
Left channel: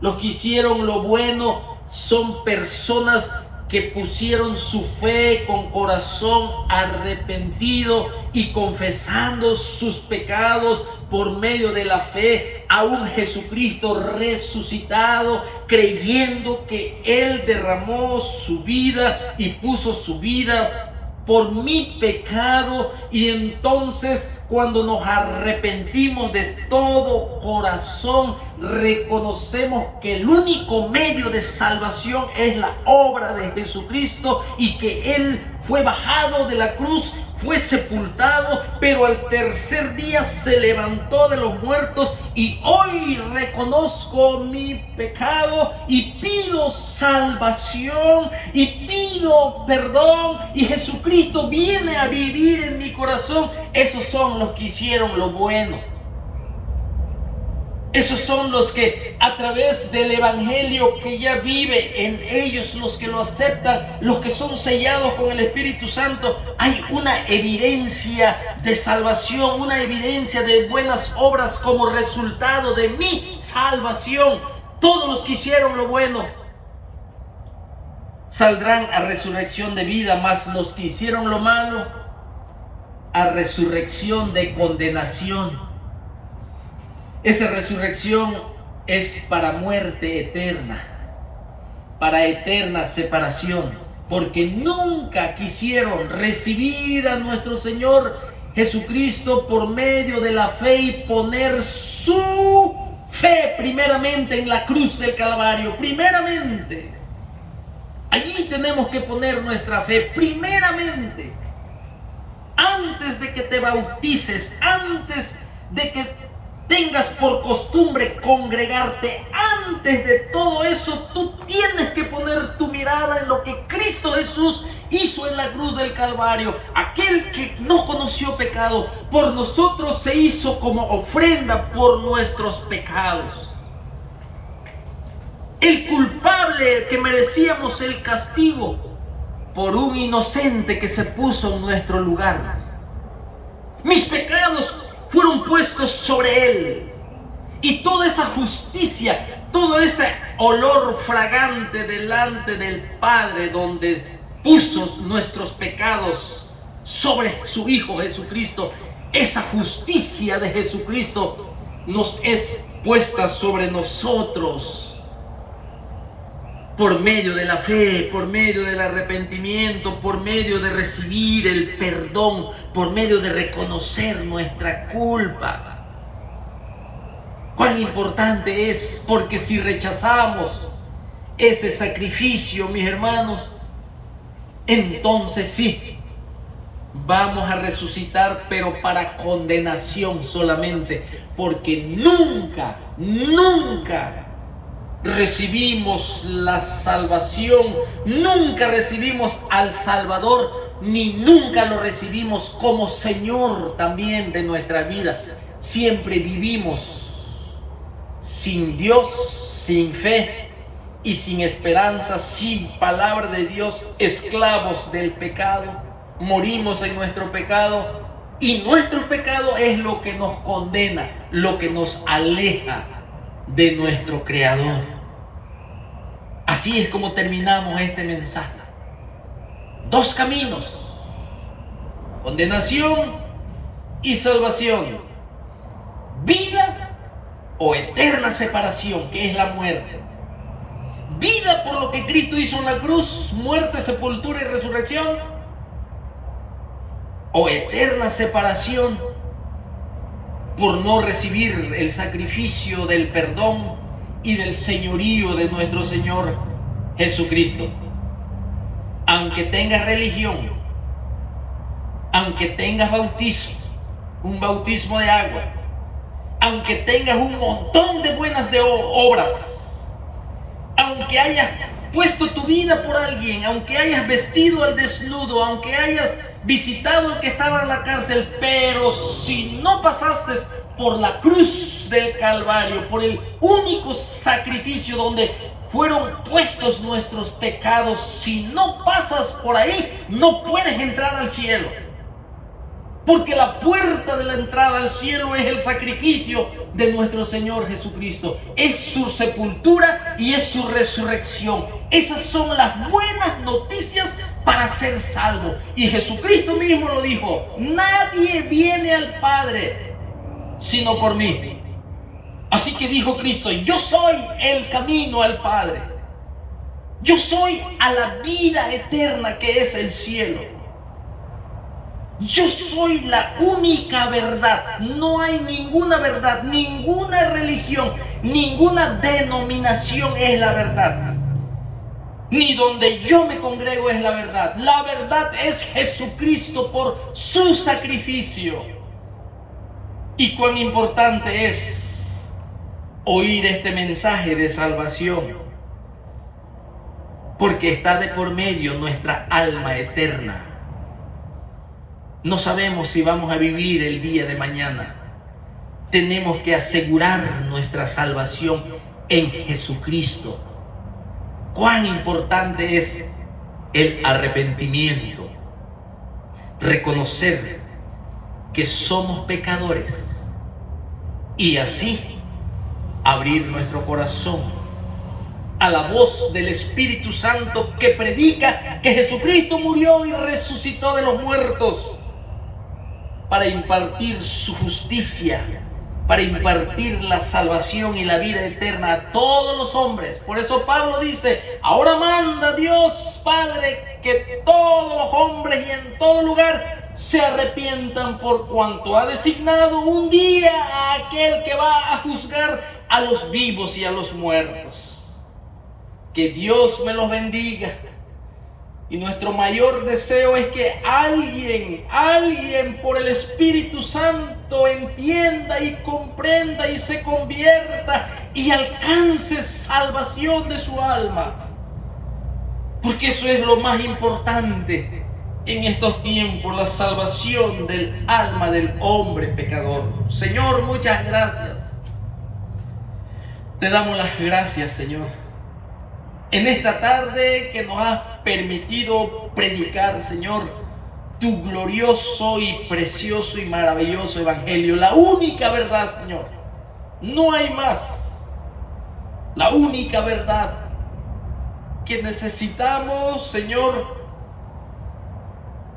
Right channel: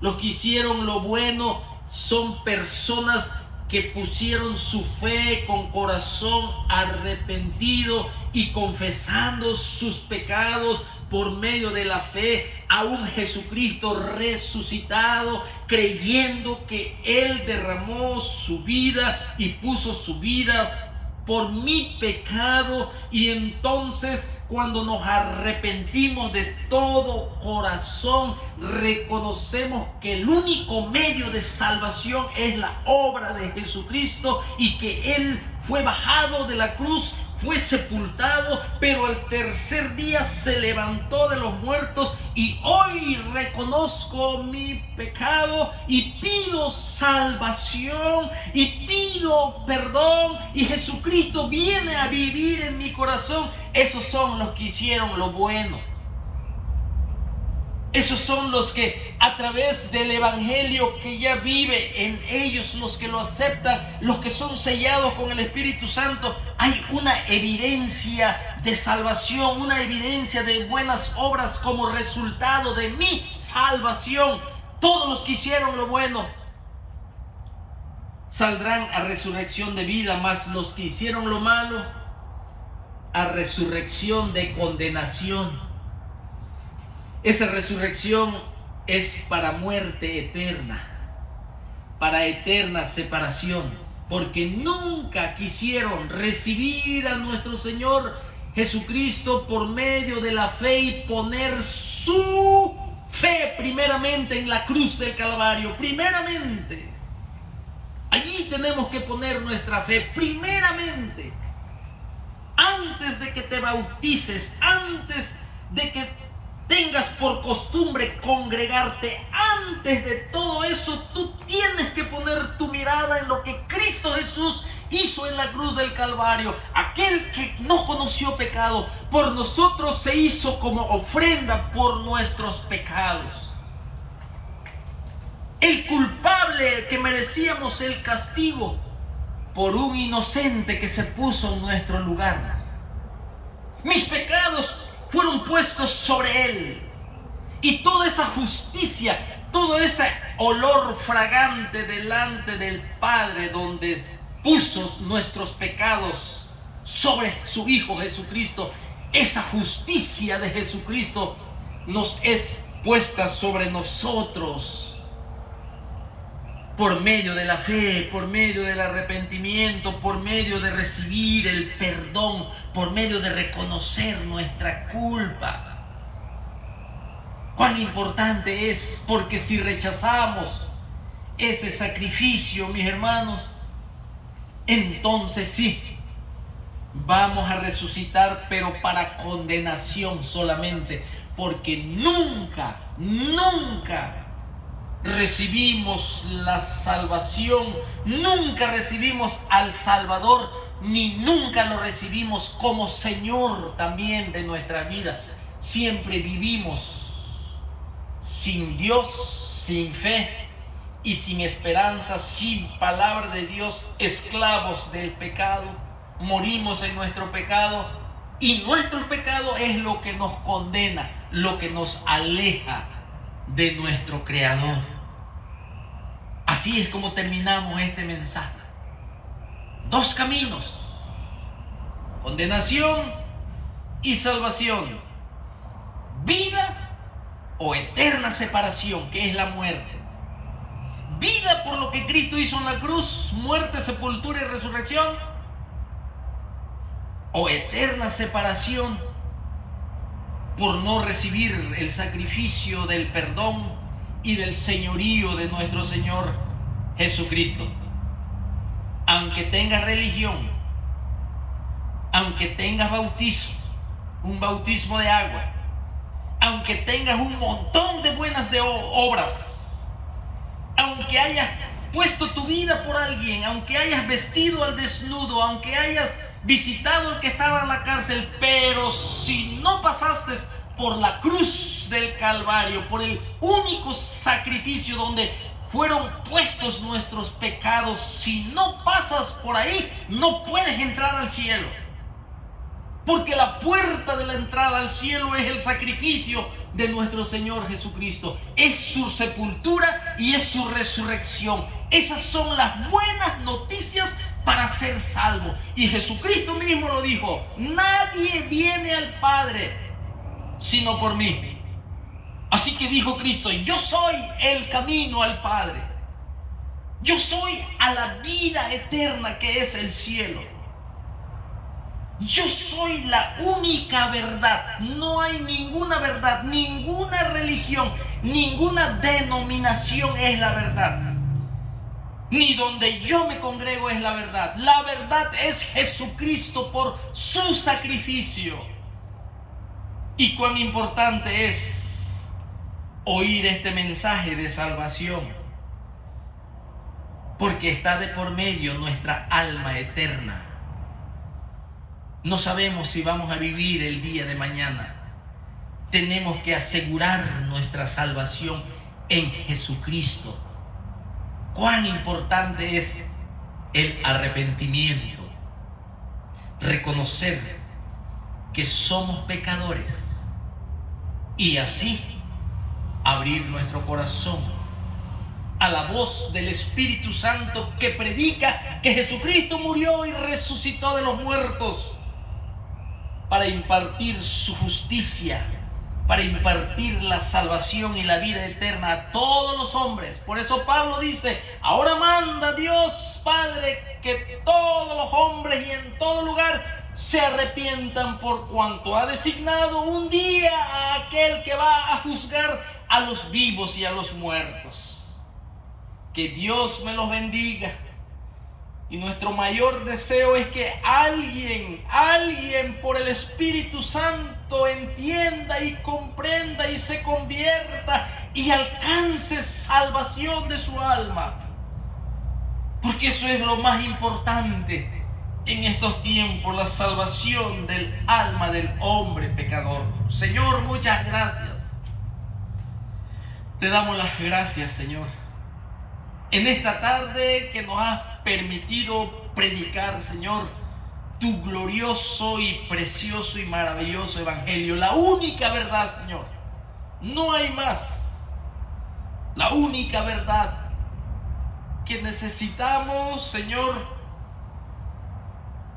Los que hicieron lo bueno son personas que pusieron su fe con corazón arrepentido y confesando sus pecados por medio de la fe a un Jesucristo resucitado, creyendo que Él derramó su vida y puso su vida por mi pecado. Y entonces, cuando nos arrepentimos de todo corazón, reconocemos que el único medio de salvación es la obra de Jesucristo y que Él fue bajado de la cruz, fue sepultado, pero al tercer día se levantó de los muertos, y hoy reconozco mi pecado y pido salvación y pido perdón, y Jesucristo viene a vivir en mi corazón. Esos son los que hicieron lo bueno. Esos son los que a través del Evangelio que ya vive en ellos, los que lo aceptan, los que son sellados con el Espíritu Santo, hay una evidencia de salvación, una evidencia de buenas obras como resultado de mi salvación. Todos los que hicieron lo bueno saldrán a resurrección de vida, mas los que hicieron lo malo a resurrección de condenación. Esa resurrección es para muerte eterna, para eterna separación, porque nunca quisieron recibir a nuestro Señor Jesucristo por medio de la fe y poner su fe primeramente en la cruz del Calvario. Primeramente, allí tenemos que poner nuestra fe primeramente. Antes de que te bautices, antes de que tengas por costumbre congregarte, antes de todo eso, tú tienes que poner tu mirada en lo que Cristo Jesús hizo en la cruz del Calvario. Aquel que no conoció pecado, por nosotros se hizo como ofrenda por nuestros pecados. El culpable que merecíamos el castigo por un inocente que se puso en nuestro lugar. Mis pecados fueron puestos sobre Él, y toda esa justicia, todo ese olor fragante delante del Padre, donde puso nuestros pecados sobre su Hijo Jesucristo, esa justicia de Jesucristo nos es puesta sobre nosotros por medio de la fe, por medio del arrepentimiento, por medio de recibir el perdón, por medio de reconocer nuestra culpa. Cuán importante es, porque si rechazamos ese sacrificio, mis hermanos, entonces sí, vamos a resucitar, pero para condenación solamente, porque nunca recibimos la salvación, nunca recibimos al Salvador, ni nunca lo recibimos como Señor también de nuestra vida. Siempre vivimos sin Dios, sin fe y sin esperanza, sin palabra de Dios, esclavos del pecado. Morimos en nuestro pecado, y nuestro pecado es lo que nos condena, lo que nos aleja de nuestro Creador. Así es como terminamos este mensaje. Dos caminos: condenación y salvación. Vida o eterna separación, que es la muerte. Vida por lo que Cristo hizo en la cruz, muerte, sepultura y resurrección. O eterna separación por no recibir el sacrificio del perdón y del señorío de nuestro Señor Jesucristo. Aunque tengas religión, aunque tengas bautismo, un bautismo de agua, aunque tengas un montón de buenas obras, aunque hayas puesto tu vida por alguien, aunque hayas vestido al desnudo, aunque hayas visitado al que estaba en la cárcel, pero si no pasaste por la cruz del Calvario, por el único sacrificio donde fueron puestos nuestros pecados, si no pasas por ahí, no puedes entrar al cielo. Porque la puerta de la entrada al cielo es el sacrificio de nuestro Señor Jesucristo. Es su sepultura y es su resurrección. Esas son las buenas noticias para ser salvo. Y Jesucristo mismo lo dijo: nadie viene al Padre sino por mí. Así que dijo Cristo: yo soy el camino al Padre. Yo soy a la vida eterna que es el cielo. Yo soy la única verdad. No hay ninguna verdad, ninguna religión, ninguna denominación es la verdad. Ni donde yo me congrego es la verdad. La verdad es Jesucristo por su sacrificio. Y cuán importante es oír este mensaje de salvación, porque está de por medio nuestra alma eterna. No sabemos si vamos a vivir el día de mañana. Tenemos que asegurar nuestra salvación en Jesucristo. Cuán importante es el arrepentimiento. Reconocer que somos pecadores y así abrir nuestro corazón a la voz del Espíritu Santo que predica que Jesucristo murió y resucitó de los muertos, para impartir su justicia, para impartir la salvación y la vida eterna a todos los hombres. Por eso Pablo dice: ahora manda Dios Padre que todos los hombres y en todo lugar se arrepientan, por cuanto ha designado un día a aquel que va a juzgar a los vivos y a los muertos. Que Dios me los bendiga. Y nuestro mayor deseo es que alguien por el Espíritu Santo entienda y comprenda y se convierta y alcance salvación de su alma. Porque eso es lo más importante en estos tiempos, la salvación del alma del hombre pecador. Señor, muchas gracias. Te damos las gracias, Señor, en esta tarde que nos has permitido predicar, Señor, tu glorioso y precioso y maravilloso evangelio, la única verdad, Señor. No hay más. La única verdad que necesitamos, Señor,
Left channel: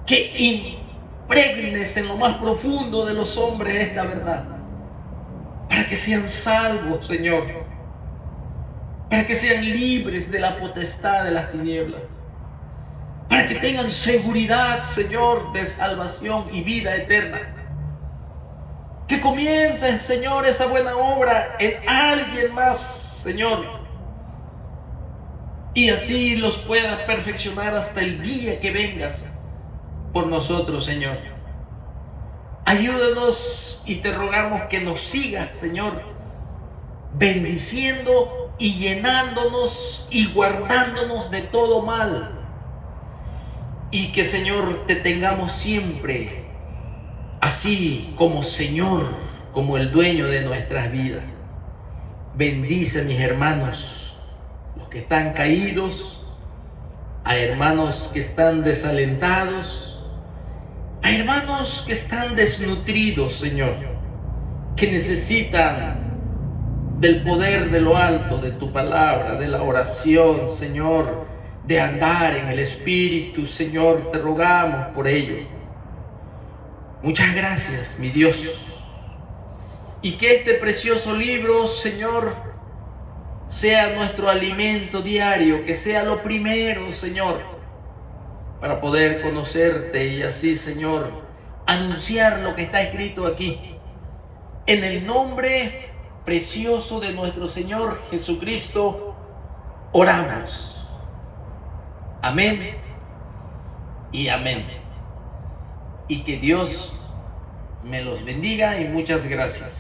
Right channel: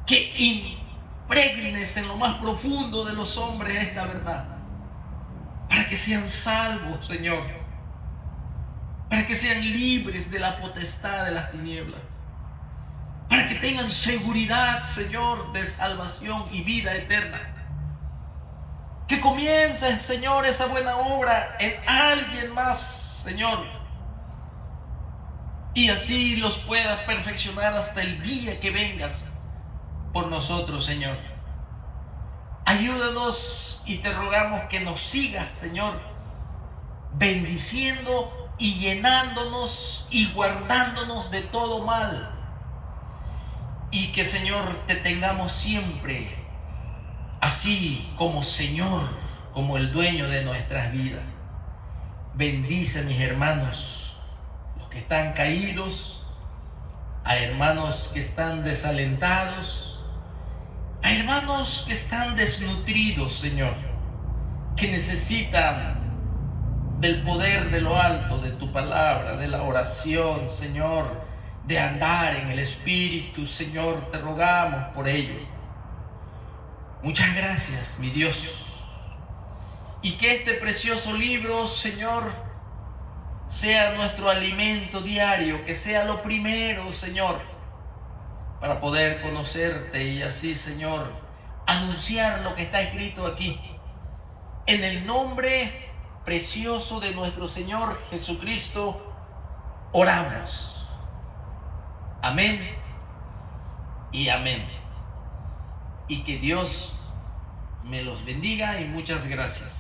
que impregnes en lo más profundo de los hombres esta verdad, para que sean salvos, Señor, para que sean libres de la potestad de las tinieblas, para que tengan seguridad, Señor, de salvación y vida eterna. Que comience, Señor, esa buena obra en alguien más, Señor, y así los puedas perfeccionar hasta el día que vengas por nosotros, Señor. Ayúdanos y te rogamos que nos sigas, Señor, bendiciendo y llenándonos y guardándonos de todo mal. Y que, Señor, te tengamos siempre así como Señor, como el dueño de nuestras vidas. Bendice a mis hermanos, los que están caídos, a hermanos que están desalentados, a hermanos que están desnutridos, Señor, que necesitan del poder de lo alto, de tu palabra, de la oración, Señor, de andar en el Espíritu. Señor, te rogamos por ello. Muchas gracias, mi Dios. Y que este precioso libro, Señor, sea nuestro alimento diario, que sea lo primero, Señor, para poder conocerte y así, Señor, anunciar lo que está escrito aquí. En el nombre precioso de nuestro Señor Jesucristo, oramos. Amén y amén. Y que Dios me los bendiga y muchas gracias.